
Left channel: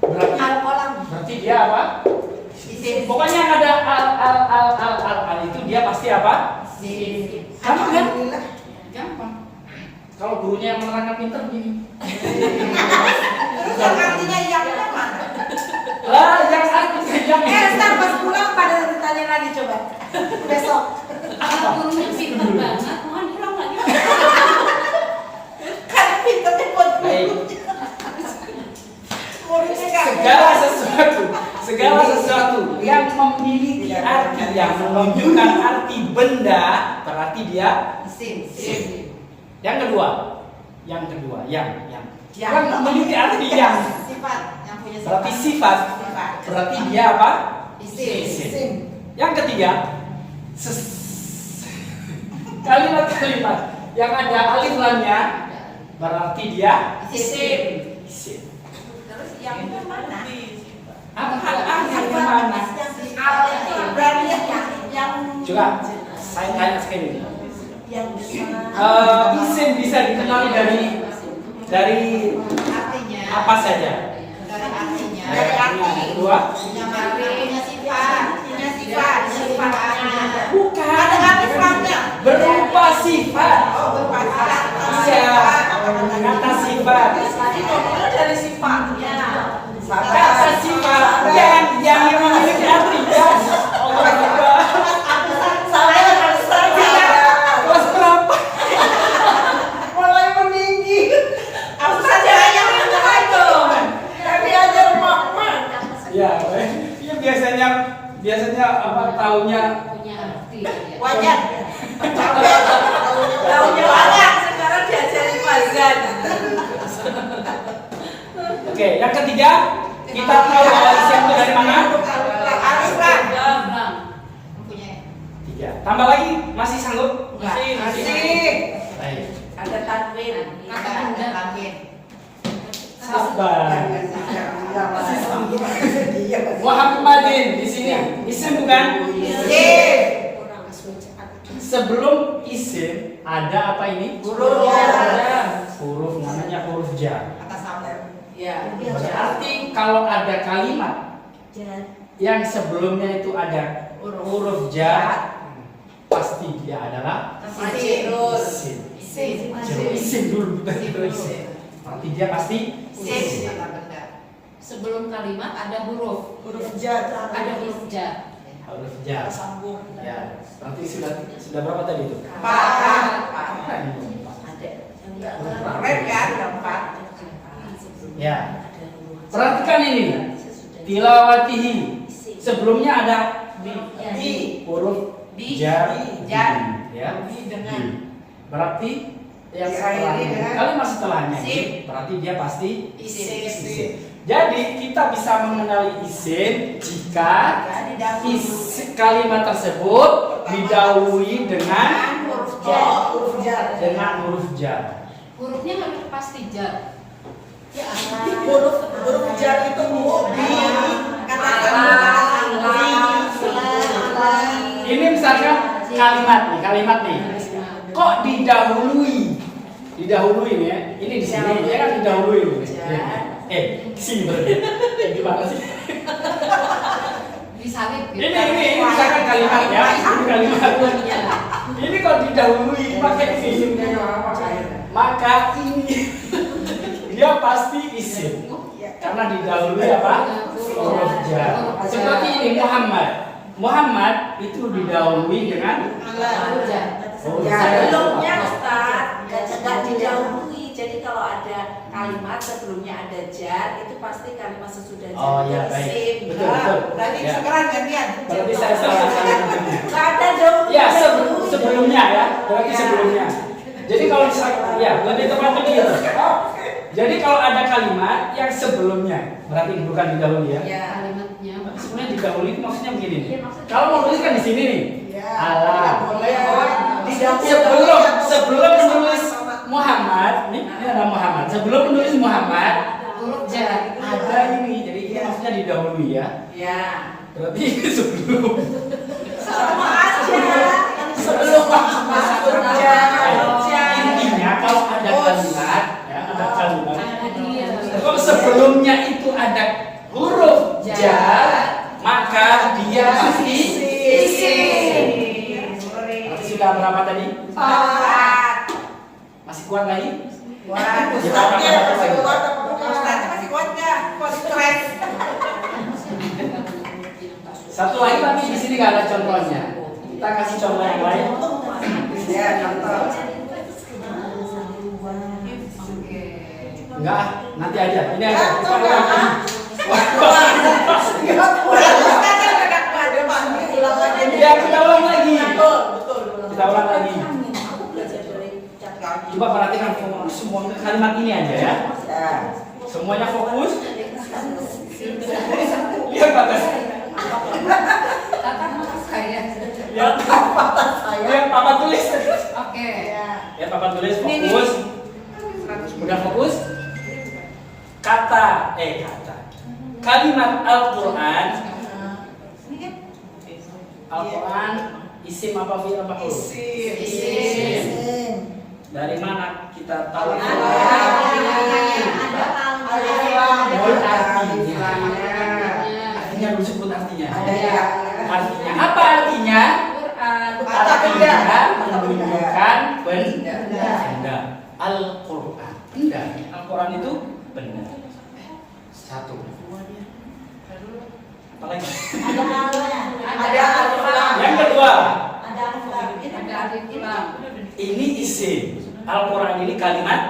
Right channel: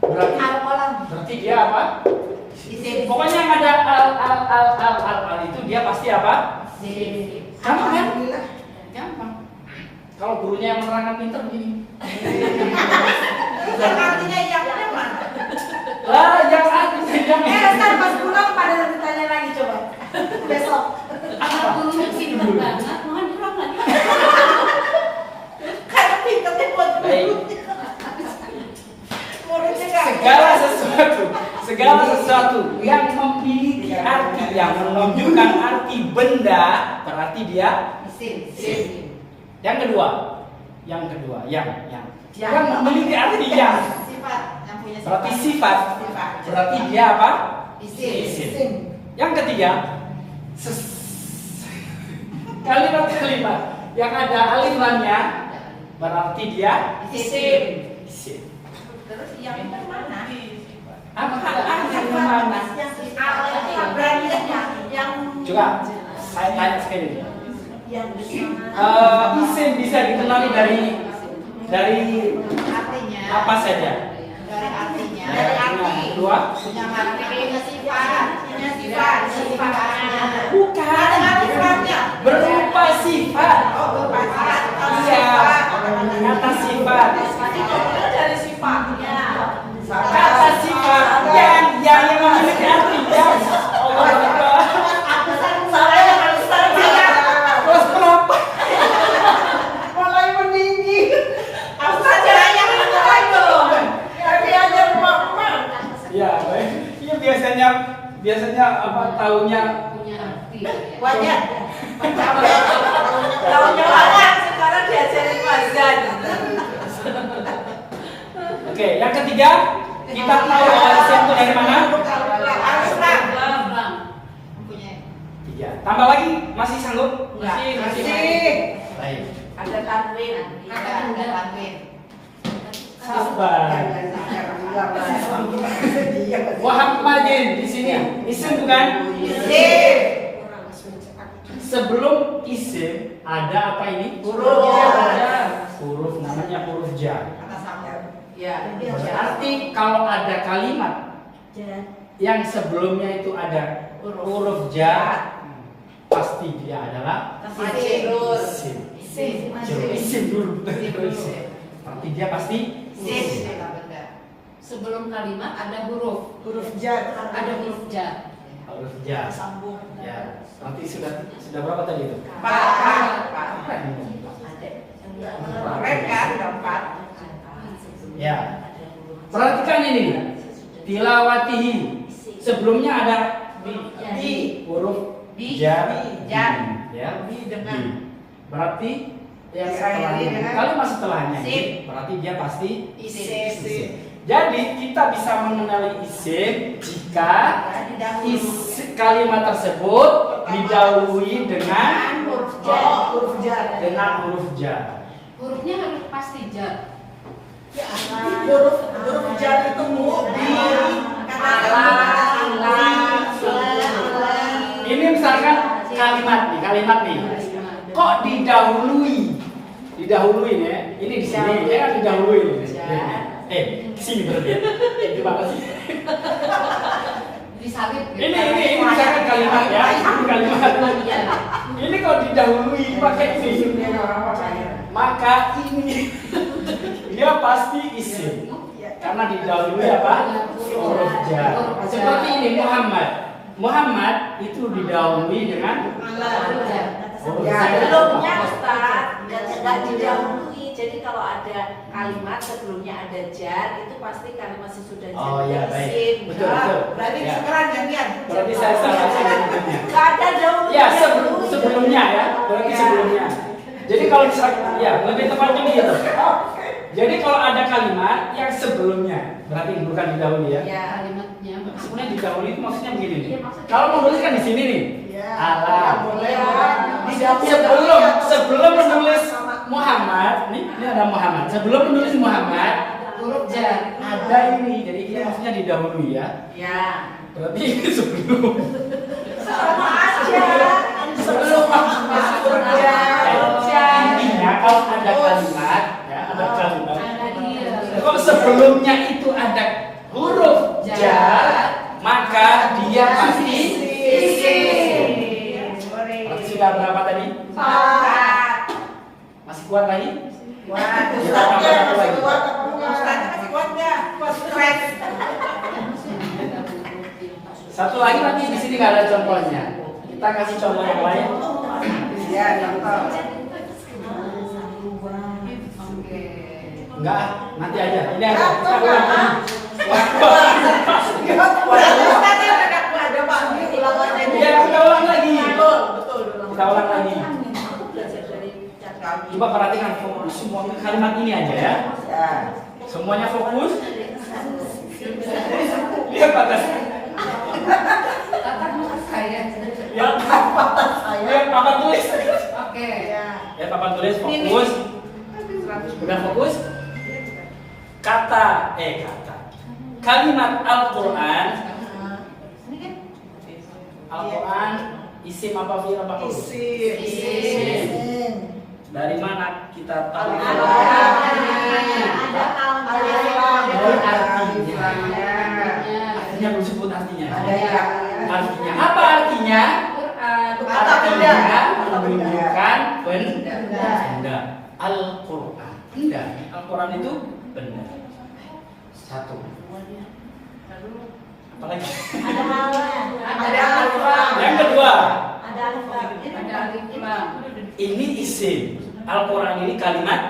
Berarti dia apa? Isim. Pokoknya yang ada al itu dia pasti apa? Isim. Gampang kan? Gampang. Kalau gurunya yang menerangkan pinter begini. Artinya yangnya mana? Lah, yang artinya yang Ntar pas pulang pada ditanya lagi coba. Besok. Gurunya pintar banget, mohon pulang lagi. Kan pinternya buat Baik. muridnya kan. Segala sesuatu yang memiliki arti yang menunjukkan arti benda berarti dia. Isim. Yang kedua, yang bukan memiliki arti yang Sifat. Yang punya berarti sifat berarti dia apa? Isim. Yang ketiga, kalimat yang ada alif lamnya berarti dia Isim. isim. Terus yang mana? Yang mana? Yang Coba saya tanya sekali. yang besar. Isim bisa dikenali dari Artinya. apa saja? Dari artinya. Dari artinya. Yang kedua, Yang punya sifat. Sifatnya. bukan berupa sifat. Berupa sifat. Iya, kata sifat. Dari sifatnya. Kata sifat yang memiliki arti ya. Allah Akbar. Kelas berapa? Mulai meninggi. Aku saja yang itu. Tapi aja mama. Ya, iya biasanya apa tahunya Punya arti. Wajar. Tahunya wajar. Sekarang diajarin mazan. Oke, yang ketiga kita tahu bahwa isim itu dari mana? Tiga. Tambah lagi masih sanggup? Masih. Baik. Ada tanwin. Ada tanwin. Sabar. Muhammadin di sini isim bukan? Isim. Sebelum isim ada apa ini? Huruf. Huruf namanya huruf jar. Atas nama. Ya. Berarti kalau ada kalimat yang sebelumnya itu ada huruf jar, pasti dia adalah isim. Isim dulu. Berarti dia pasti isim. Sebelum kalimat ada huruf. Huruf jar. Ada huruf jar. Huruf jar. Sambung. Ya. Nanti sudah berapa tadi itu? Empat. Keren kan? Empat. Ya. Perhatikan ini. Tilawatihi. Sebelumnya ada Bi. huruf Bi. jar. Jar. Ya. Bi dengan. Berarti yang Diakhiri setelahnya, dengan kalimat setelahnya sim. ini berarti dia pasti Isim. Jadi kita bisa mengenali isim jika kalimat tersebut didahului dengan huruf jar. dengan huruf jar. Hurufnya harus pasti jar. Huruf jar itu dikatakan Ini misalkan kalimat nih. Kok didahului nih ya? Ini di sini, dia kan didahului. Sini berarti. Gimana sih? Disalib. Ini misalkan kalimat ya, ini kalimat. Ini kok didahului pakai ini, maka ini dia pasti isim karena didahului apa? Huruf jar. Seperti ini Muhammad itu didahului dengan huruf jar. Belumnya Ustaz, nggak didahului. Jadi kalau ada kalimat sebelumnya ada jar, itu pasti kalimat sesudah jar. Oh ya baik, betul. Berarti Ya. sekarang gantian. Berarti saya salah ngomongnya. Nggak ada dahulu. Ya sebelumnya ya, berarti sebelumnya. Jadi kalau misalkan, ya lebih tepatnya begitu. Jadi kalau ada kalimat yang sebelumnya, berarti bukan didahului ya. Kalimatnya. Sebenarnya didahului itu maksudnya begini nih. Kalau mau nulis kan di sini nih. Alam. Sebelum menulis Muhammad, ini ada Muhammad. Sebelum menulis Muhammad, Huruf jar. ada ini. Jadi ini maksudnya didahului ya. Ya. Berarti itu sebelum. Sama aja. Sebelum masuk jar. Intinya kalau ada kalimat, ya, ada kalimat. Ada dia. Kalau sebelumnya itu ada huruf jar, maka dia pasti isim. Berarti sudah berapa tadi? Masih kuat lagi? Ustaznya masih kuat nggak? Kuat. Satu lagi tapi di sini nggak ada contohnya. Kita kasih contoh yang lain. Ya, contoh. Enggak, nanti aja. Ini aja. Kita ya, kita ulang lagi. Kita ulang lagi. Coba perhatikan semua kalimat ini aja ya. Semuanya fokus. Ya, bagus. Tatap mata saya. Ya, Papa tulis. Oke. Ya, Papa tulis fokus. Udah fokus? Kalimat Al-Quran. Al-Quran isim apa fi'il apa huruf? Isim. Dari mana kita tahu? Artinya belum sebut artinya. Artinya apa artinya? Artinya menunjukkan benda. Al-Quran. Benda. Al-Quran itu benda. Satu. Apa lagi? Ada alif. Yang kedua, Ada alif lam. ini isim. Al-Quran ini kalimat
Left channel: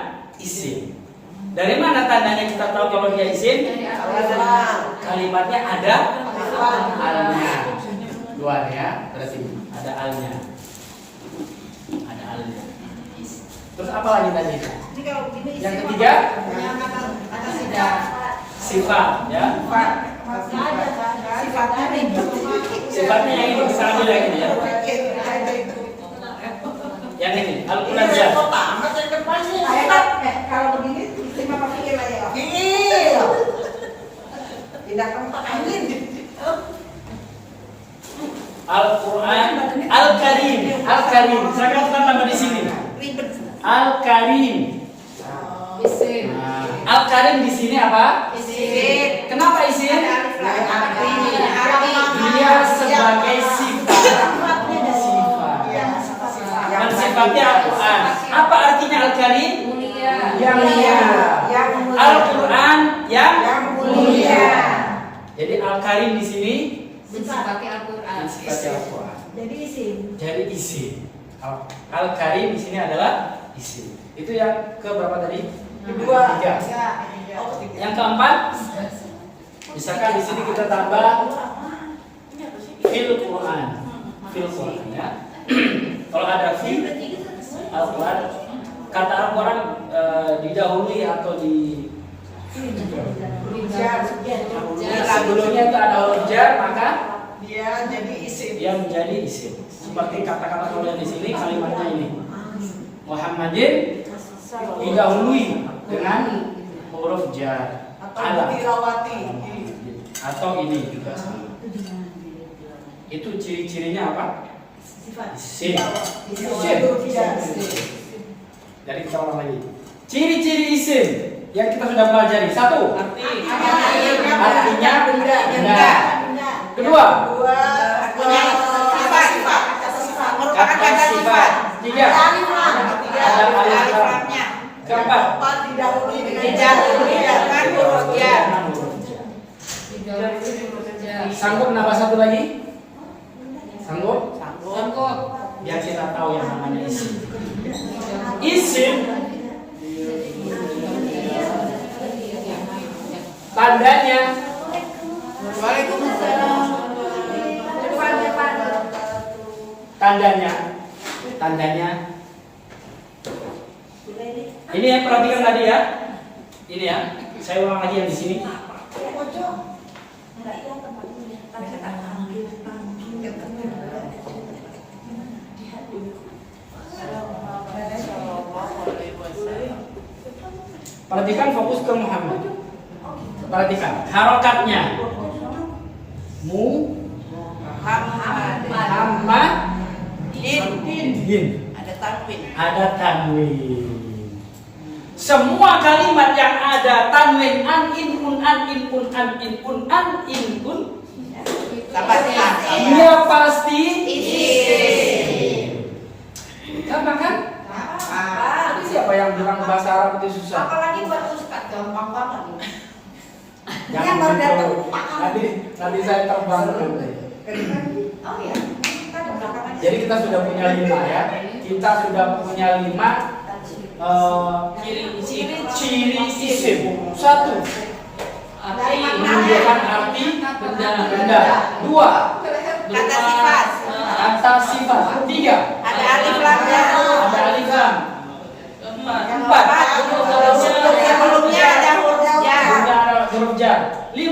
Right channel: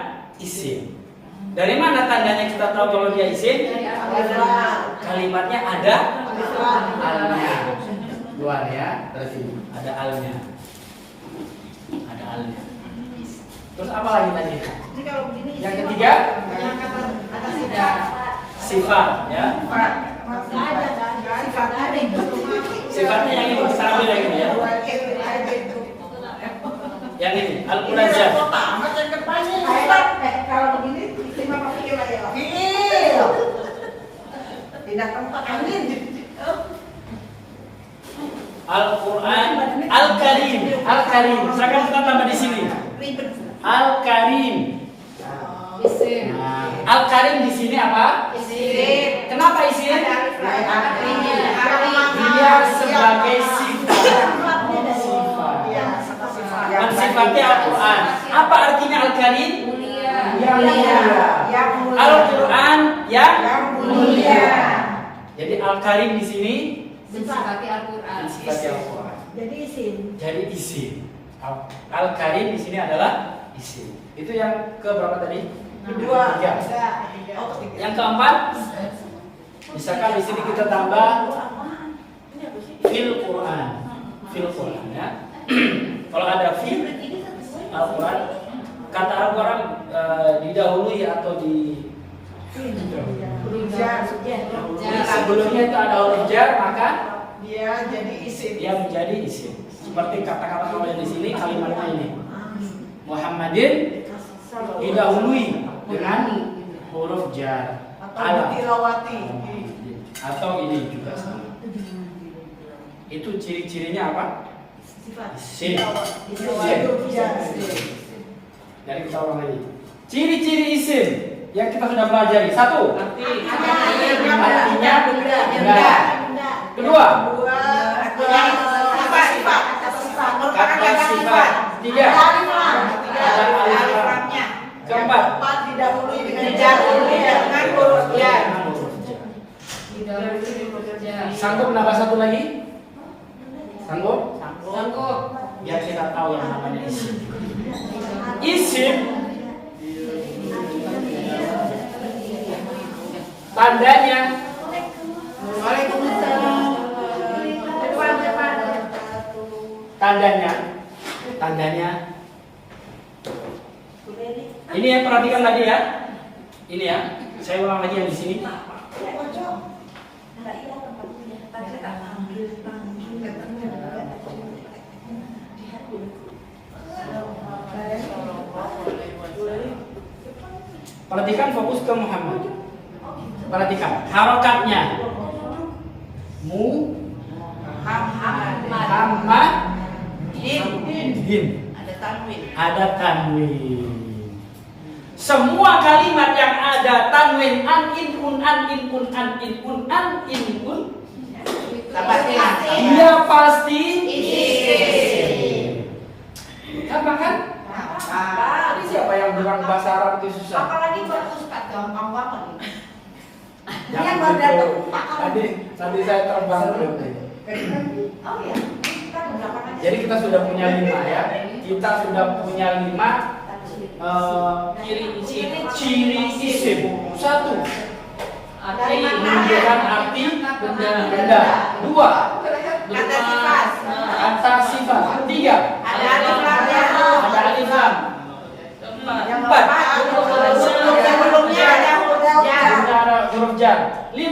isim. Dari mana tandanya kita tahu kalau dia isim? Kalimatnya ada alnya. Luar ya, terus ini ada alnya. Ada alnya. Terus apa lagi tadi? Yang ketiga, sifat ya. Sifatnya yang ini, sama yang ini ya. Yang ini, al-mulazam. Kalau begini isim apa fi'il aja? Tidak tempat angin. Al-Quran, Al-Karim. Sekarang kita tambah di sini. Al-Karim. Isim. Al-Karim di sini apa? Isim. Kenapa isim? Dia sebagai sifat. Dan sifatnya Al-Quran. Apa artinya Al-Karim? Mulia. Yang mulia. Al-Quran yang mulia. Jadi Al-Karim di sini Mensifati Al-Quran. sifatnya Al-Quran. Jadi isim. Al-Karim di sini adalah isim. Itu yang ke berapa tadi? Kedua. Tiga. Yang keempat, misalkan di sini kita tambah fil Quran. Fil Quran ya. Kalau ada fil Al-Quran, kata Al-Quran didahului atau di sebelumnya itu ada huruf jar, maka dia jadi isim. dia menjadi isim. Seperti kata-kata kalau yang di sini kalimatnya ini. Muhammadin didahului dengan huruf jar Atau ditilawati. atau ini juga sama. Itu ciri-cirinya apa? Sifat. Isim. Isim. Jadi kita ulang lagi. Ciri-ciri isim yang kita sudah pelajari. Satu, artinya benda. Kedua, kata sifat. Tiga, ada alif lam. Keempat, didahului dengan huruf jar. Sanggup nambah satu lagi? Sanggup? Sanggup. Biar kita tahu yang namanya isim. Isim tandanya tandanya ini ya, perhatikan tadi ya. Ini ya, saya ulang lagi yang di sini. Perhatikan, fokus ke Muhammad. Perhatikan harokatnya. Muhammad din. Ada tanwin. Semua kalimat yang ada tanwin an in un an in un an in un an in un dia pasti isim. Gampang kan? Tadi siapa yang bilang bahasa Arab itu susah? Apalagi buat Ustaz, gampang banget. Jangan gitu. Tadi saya terbang. Oh iya. Jadi kita sudah punya 5 ya. Kita sudah punya 5 ciri isim. 1, menunjukkan arti benda. 2, kata sifat. 3, ada alif lam. 4, Sebelumnya ada huruf jar. 5,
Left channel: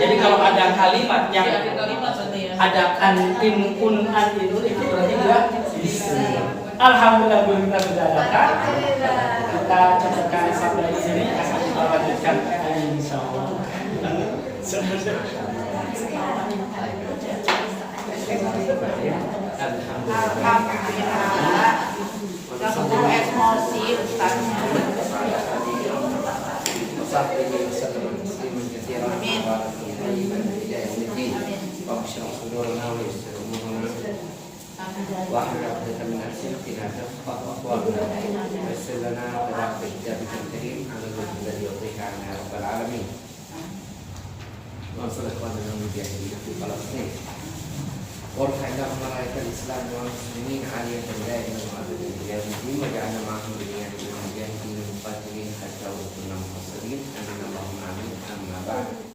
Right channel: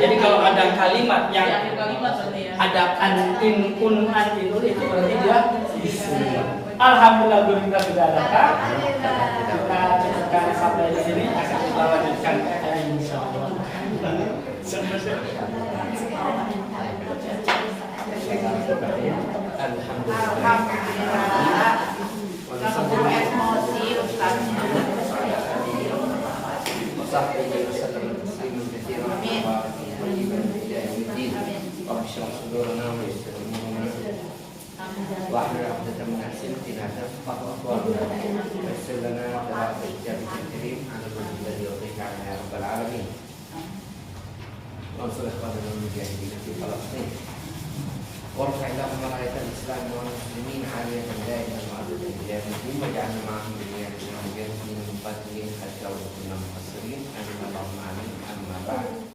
jadi kalau ada kalimat yang ada an in kun an itu berarti dia isim. Alhamdulillah belum kita sudah adakan. Kita cukupkan sampai di sini, akan kita lanjutkan insyaallah. Warfa'ila malaikat Islam wal muslimin aliyah dan da'in al-ma'abud al-jami'in wa ja'ana ma'ahum dunia